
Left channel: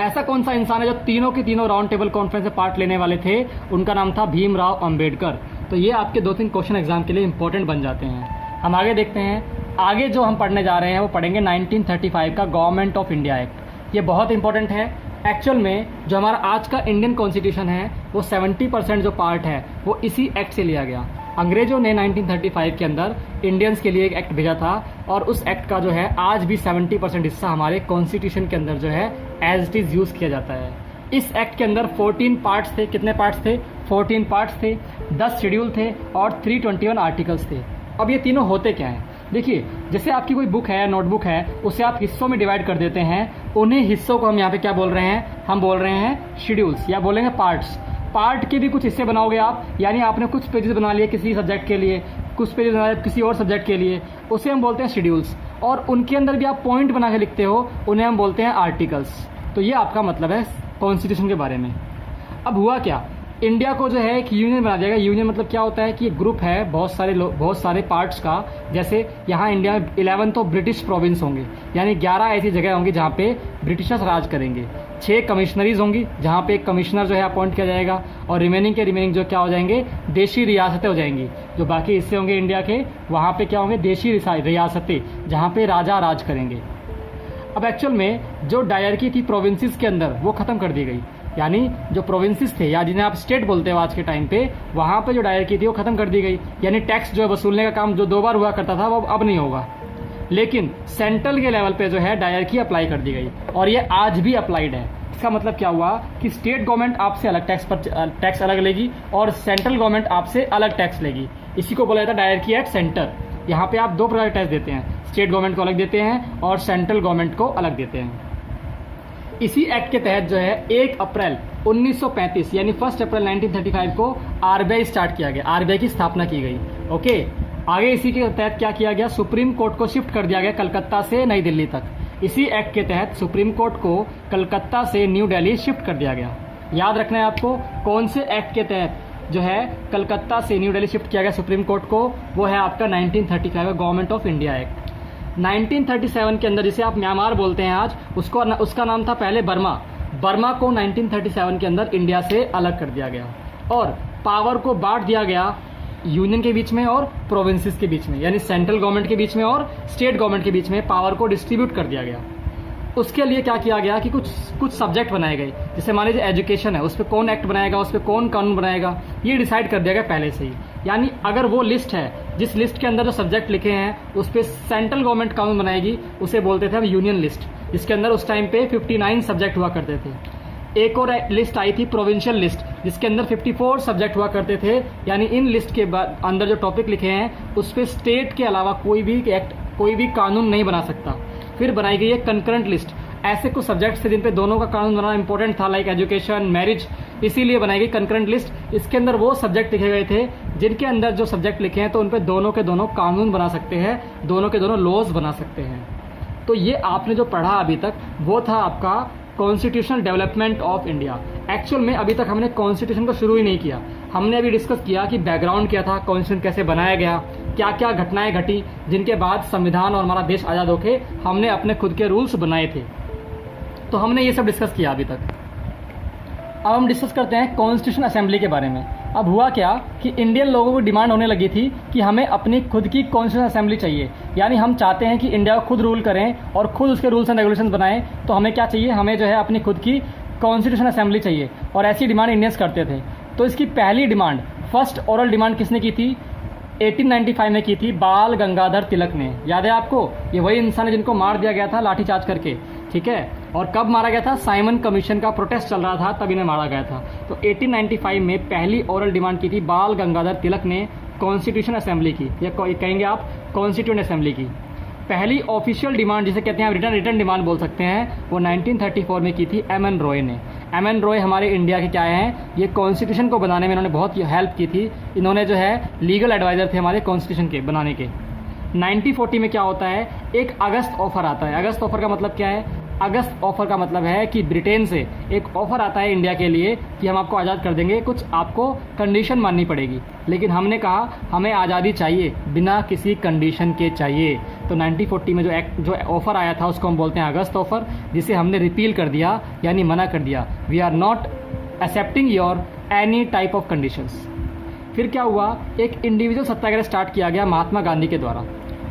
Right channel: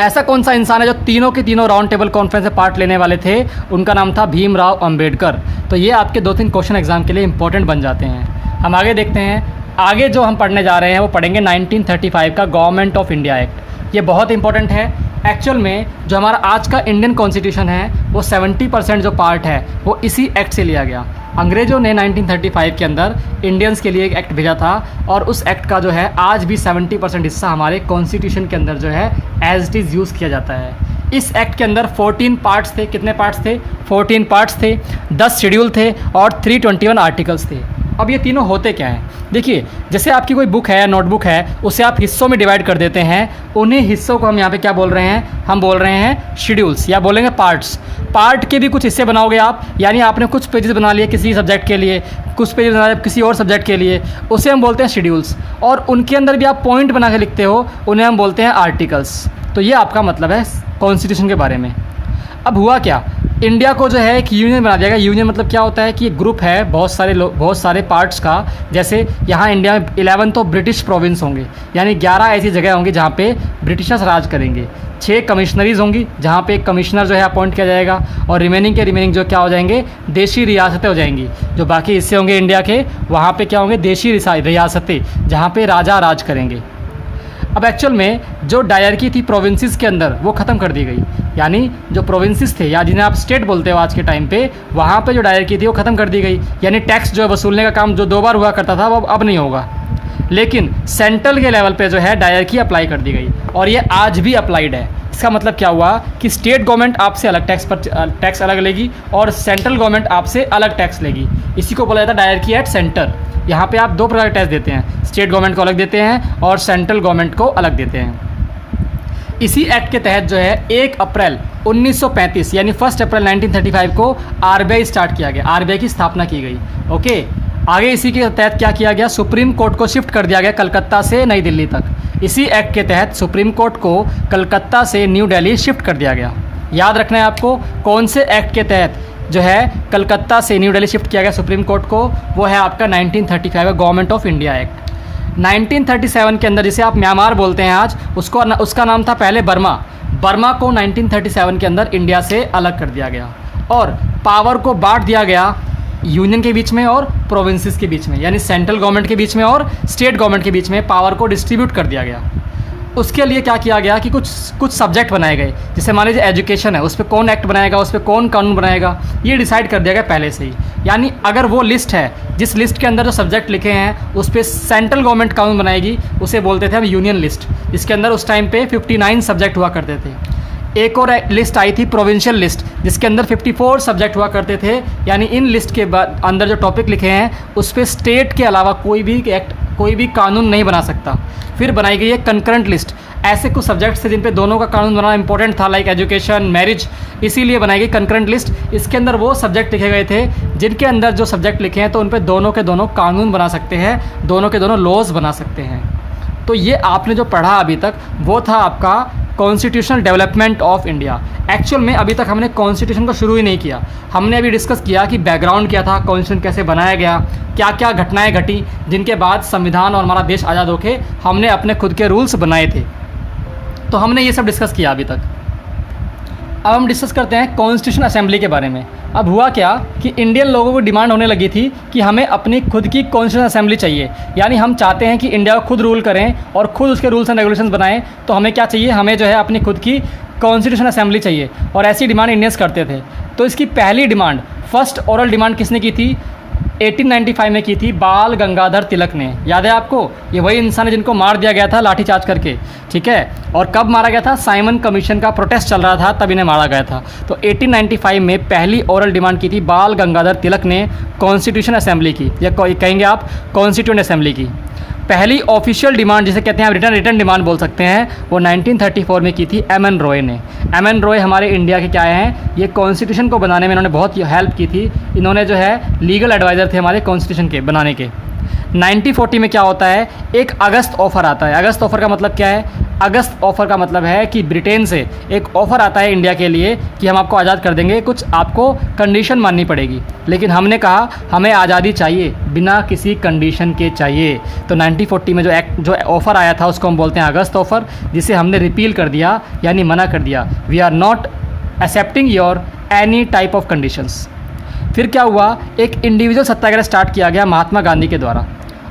ऐसा कौन सा इंसान है जो तीनों के तीनों राउंड टेबल कॉन्फ्रेंस में पार्ट लेने वाले थे? उनका नाम था भीमराव अम्बेडकर। तो ये आपके 2-3 क्वेश्चन एग्जाम के लिए इंपॉर्टेंट बन जाते हैं। हम आगे देखते हैं। आगे जो हम पढ़ने जा रहे हैं वो पढ़ेंगे 1935 का गवर्नमेंट ऑफ इंडिया एक्ट। ये बहुत इंपॉर्टेंट है। एक्चुअल में जो हमारा आज का इंडियन कॉन्स्टिट्यूशन है वो 70% जो पार्ट है वो इसी एक्ट से लिया गया। अंग्रेज़ों ने 1935 के अंदर इंडियंस के लिए एक एक्ट भेजा था और उस एक्ट का जो है आज भी 70% हिस्सा हमारे कॉन्स्टिट्यूशन के अंदर जो है एज इट इज़ यूज़ किया जाता है। इस एक्ट के अंदर 14 पार्ट्स थे। कितने पार्ट्स थे? 14 पार्ट्स थे, 10 शेड्यूल थे और 321 आर्टिकल्स थे। अब ये तीनों होते क्या हैं? देखिए, जैसे आपकी कोई बुक है, नोटबुक है, उसे आप हिस्सों में डिवाइड कर देते हैं। उन्हीं हिस्सों को हम यहाँ पे क्या बोल रहे हैं? हम बोल रहे हैं शेड्यूल्स, या बोलेंगे पार्ट्स। पार्ट के भी कुछ हिस्से बनाओगे आप, यानी आपने कुछ पेजेस बना लिए किसी सब्जेक्ट के लिए, कुछ पेजेस बना लिए किसी और सब्जेक्ट के लिए, उसे हम बोलते हैं शेड्यूल्स। और उनके अंदर भी आप पॉइंट बना के लिखते हो, उन्हें हम बोलते हैं आर्टिकल्स। तो ये आपका मतलब है कॉन्स्टिट्यूशन के बारे में। अब हुआ क्या, इंडिया को जो है एक यूनियन बना दिया गया। यूनियन मतलब क्या होता है कि एक ग्रुप है बहुत सारे पार्ट्स का। जैसे यहाँ इंडिया में 11 तो ब्रिटिश प्रोविंस होंगे, यानी 11 ऐसी जगह होंगी जहाँ पे ब्रिटिशर्स राज करेंगे। 6 कमिश्नरीज होंगी जहाँ पे एक कमिश्नर जो है अपॉइंट किया जाएगा, और रिमेनिंग जो क्या हो जाएंगे, देशी रियासतें हो जाएंगी। जो बाकी हिस्से होंगे इंडिया के, वहाँ पे क्या होंगे, देशी रियासतें, जहाँ पे राजा राज करेंगे। अब एक्चुअल में जो डायरकी थी प्रोविंसेस के अंदर, वो ख़त्म कर दी गई। यानी जो प्रोविंसेस थे, या जिन्हें आप स्टेट बोलते हो आज के टाइम पे, वहाँ पे जो डायरकी थी वो ख़त्म कर दी गई। यानी टैक्स जो वसूलने का काम जो 2 बार हुआ करता था, वो अब नहीं होगा। लेकिन सेंट्रल के लेवल पे जो है डायरकी अप्लाई कर दी गई, और ये आज भी अप्लाइड है। इसका मतलब क्या हुआ कि स्टेट गवर्नमेंट आपसे अलग टैक्स अलग लेगी, और सेंट्रल गवर्नमेंट आपसे अलग टैक्स लेगी। इसी को बोला जाता है डायरकी एट सेंटर। यहाँ पे आप 2 प्रकार के टैक्स देते हैं, स्टेट गवर्नमेंट को अलग देते हैं और सेंट्रल गवर्नमेंट को अलग देते हैं। इसी एक्ट के तहत जो है 1 अप्रैल 1935 यानी 1 अप्रैल 1935 को आरबीआई स्टार्ट किया गया, आरबीआई की स्थापना की गई। ओके, आगे इसी के तहत क्या किया गया, सुप्रीम कोर्ट को शिफ्ट कर दिया गया कलकत्ता से नई दिल्ली तक। इसी एक्ट के तहत सुप्रीम कोर्ट को कलकत्ता से न्यू दिल्ली शिफ्ट कर दिया गया। याद रखना है आपको, कौन से एक्ट के तहत जो है कलकत्ता से न्यू दिल्ली शिफ्ट किया गया सुप्रीम कोर्ट को, वो है आपका 1935 का गवर्नमेंट ऑफ इंडिया एक्ट। 1937 के अंदर, जिसे आप म्यांमार बोलते हैं आज, उसका नाम था पहले बर्मा। बर्मा को 1937 के अंदर इंडिया से अलग कर दिया गया, और पावर को बांट दिया गया यूनियन के बीच में और प्रोविंसेस के बीच में, यानी सेंट्रल गवर्नमेंट के बीच में और स्टेट गवर्नमेंट के बीच में पावर को डिस्ट्रीब्यूट कर दिया गया। उसके लिए क्या किया गया कि कुछ सब्जेक्ट बनाए गए। जैसे मान लीजिए एजुकेशन है, उस पर कौन एक्ट बनाएगा, उस पर कौन कानून बनाएगा, ये डिसाइड कर दिया गया पहले से ही। यानी अगर वो लिस्ट है, जिस लिस्ट के अंदर जो सब्जेक्ट लिखे हैं उस पर सेंट्रल गवर्नमेंट कानून बनाएगी, उसे बोलते थे हम यूनियन लिस्ट। इसके अंदर उस टाइम पे 59 सब्जेक्ट हुआ करते थे। एक और लिस्ट आई थी प्रोविंशियल लिस्ट, जिसके अंदर 54 सब्जेक्ट हुआ करते थे। यानी इन लिस्ट के अंदर जो टॉपिक लिखे हैं उस पर स्टेट के अलावा कोई भी एक्ट, कोई भी कानून नहीं बना सकता। फिर बनाई गई है कंकरेंट लिस्ट, ऐसे कुछ सब्जेक्ट्स थे जिन पे दोनों का कानून बनाना इंपॉर्टेंट था, लाइक एजुकेशन, मैरिज, इसीलिए बनाई गई कंकरेंट लिस्ट। इसके अंदर वो सब्जेक्ट लिखे गए थे जिनके अंदर जो सब्जेक्ट लिखे हैं तो उन पे दोनों के दोनों कानून बना सकते हैं, दोनों के दोनों लॉज बना सकते हैं। तो ये आपने जो पढ़ा अभी तक, वो था आपका constitutional development of India. Actual में अभी तक हमने कॉन्स्टिट्यूशन को शुरू ही नहीं किया। हमने अभी डिस्कस किया कि बैकग्राउंड क्या था, कॉन्स्टिट्यूशन कैसे बनाया गया, क्या क्या घटनाएं घटी, जिनके बाद संविधान और हमारा देश आज़ाद होके हमने अपने खुद के रूल्स बनाए थे। तो हमने ये सब डिस्कस किया अभी तक। अब हम डिस्कस करते हैं कॉन्स्टिट्यूशन असेंबली के बारे में। अब हुआ क्या कि इंडियन लोगों को डिमांड होने लगी थी कि हमें अपनी खुद की कॉन्स्टिट्यूशन असेंबली चाहिए, यानी हम चाहते हैं कि इंडिया को खुद रूल करें और खुद उसके रूल्स एंड रेगुलेशंस बनाएं। तो हमें क्या चाहिए, हमें जो है अपनी खुद की कॉन्स्टिट्यूशन असेंबली चाहिए, और ऐसी डिमांड इंडियंस करते थे। तो इसकी पहली डिमांड, फर्स्ट ओरल डिमांड किसने की थी, 1895 में की थी बाल गंगाधर तिलक ने। याद है आपको, ये वही इंसान है जिनको मार दिया गया था लाठीचार्ज करके, ठीक है। और कब मारा गया था, साइमन कमीशन का प्रोटेस्ट चल रहा था तब इन्हें मारा गया था। तो 1895 में पहली ओरल डिमांड की थी बाल गंगाधर तिलक ने कॉन्स्टिट्यूशन असेंबली की, या कहेंगे आप कॉन्स्टिट्यूएंट असेंबली की। पहली ऑफिशियल डिमांड जिसे कहते हैं आप रिटर्न डिमांड बोल सकते हैं, वो 1934 में की थी एम.एन. रॉय ने। एम.एन. रॉय हमारे इंडिया के क्या हैं, ये कॉन्स्टिट्यूशन को बनाने में इन्होंने बहुत हेल्प की थी। इन्होंने जो है लीगल एडवाइज़र थे हमारे कॉन्स्टिट्यूशन के बनाने के। 1940 में क्या होता है, एक अगस्त ऑफ़र आता है। अगस्त ऑफ़र का मतलब क्या है, अगस्त ऑफ़र का मतलब है कि ब्रिटेन से एक ऑफ़र आता है इंडिया के लिए कि हम आपको आज़ाद कर देंगे, कुछ आपको कंडीशन माननी पड़ेगी। लेकिन हमने कहा हमें आज़ादी चाहिए, बिना किसी कंडीशन के चाहिए। तो 1940 में जो ऑफ़र आया था उसको हम बोलते हैं अगस्त ऑफ़र, जिसे हमने रिपील कर दिया, यानी मना कर दिया। We are not accepting your any type of conditions. फिर क्या हुआ, एक इंडिविजुअल सत्याग्रह स्टार्ट किया गया महात्मा गांधी के द्वारा,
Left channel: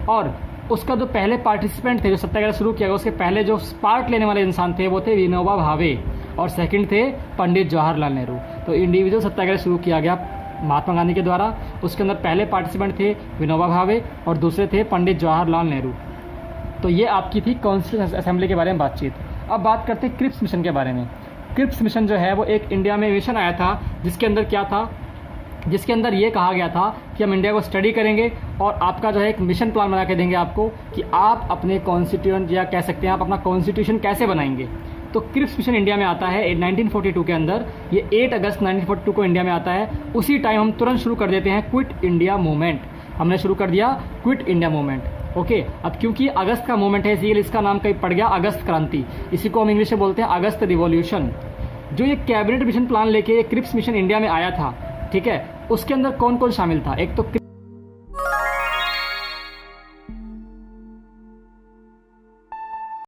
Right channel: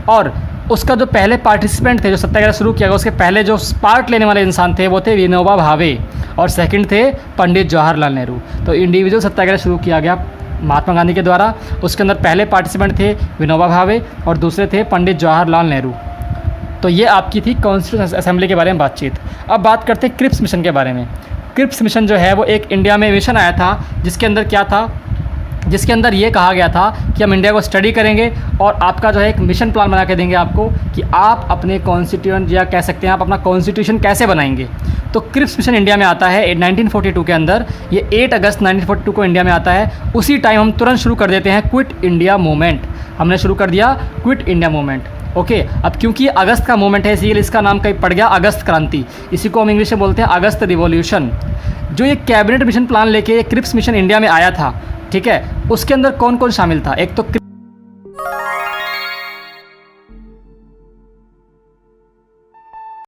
और उसका जो पहले पार्टिसिपेंट थे, जो सत्याग्रह शुरू किया गया, उसके पहले जो पार्ट लेने वाले इंसान थे वो थे विनोबा भावे, और सेकंड थे पंडित जवाहरलाल नेहरू। तो इंडिविजुअल सत्याग्रह शुरू किया गया महात्मा गांधी के द्वारा। उसके अंदर पहले पार्टिसिपेंट थे विनोबा भावे और दूसरे थे पंडित जवाहरलाल नेहरू। तो ये आपकी थी कॉन्स्टिट्यूशन असेंबली के बारे में बातचीत। अब बात करते हैं क्रिप्स मिशन के बारे में। क्रिप्स मिशन जो है वो एक इंडिया में मिशन आया था, जिसके अंदर क्या था, जिसके अंदर ये कहा गया था कि हम इंडिया को स्टडी करेंगे और आपका जो है एक मिशन प्लान बना के देंगे आपको कि आप अपने कॉन्स्टिट्यूएंट या कह सकते हैं आप अपना कॉन्स्टिट्यूशन कैसे बनाएंगे। तो क्रिप्स मिशन इंडिया में आता है 1942 के अंदर, ये 8 अगस्त 1942 को इंडिया में आता है। उसी टाइम हम तुरंत शुरू कर देते हैं क्विट इंडिया मूवमेंट, हमने शुरू कर दिया क्विट इंडिया मूवमेंट। ओके, अब क्योंकि अगस्त का मूवमेंट है इसीलिए इसका नाम कहीं पड़ गया अगस्त क्रांति, इसी को हम इंग्लिश में बोलते हैं अगस्त रिवॉल्यूशन। जो ये कैबिनेट मिशन प्लान लेके ये क्रिप्स मिशन इंडिया में आया था, ठीक है, उसके अंदर कौन कौन शामिल था? एक तो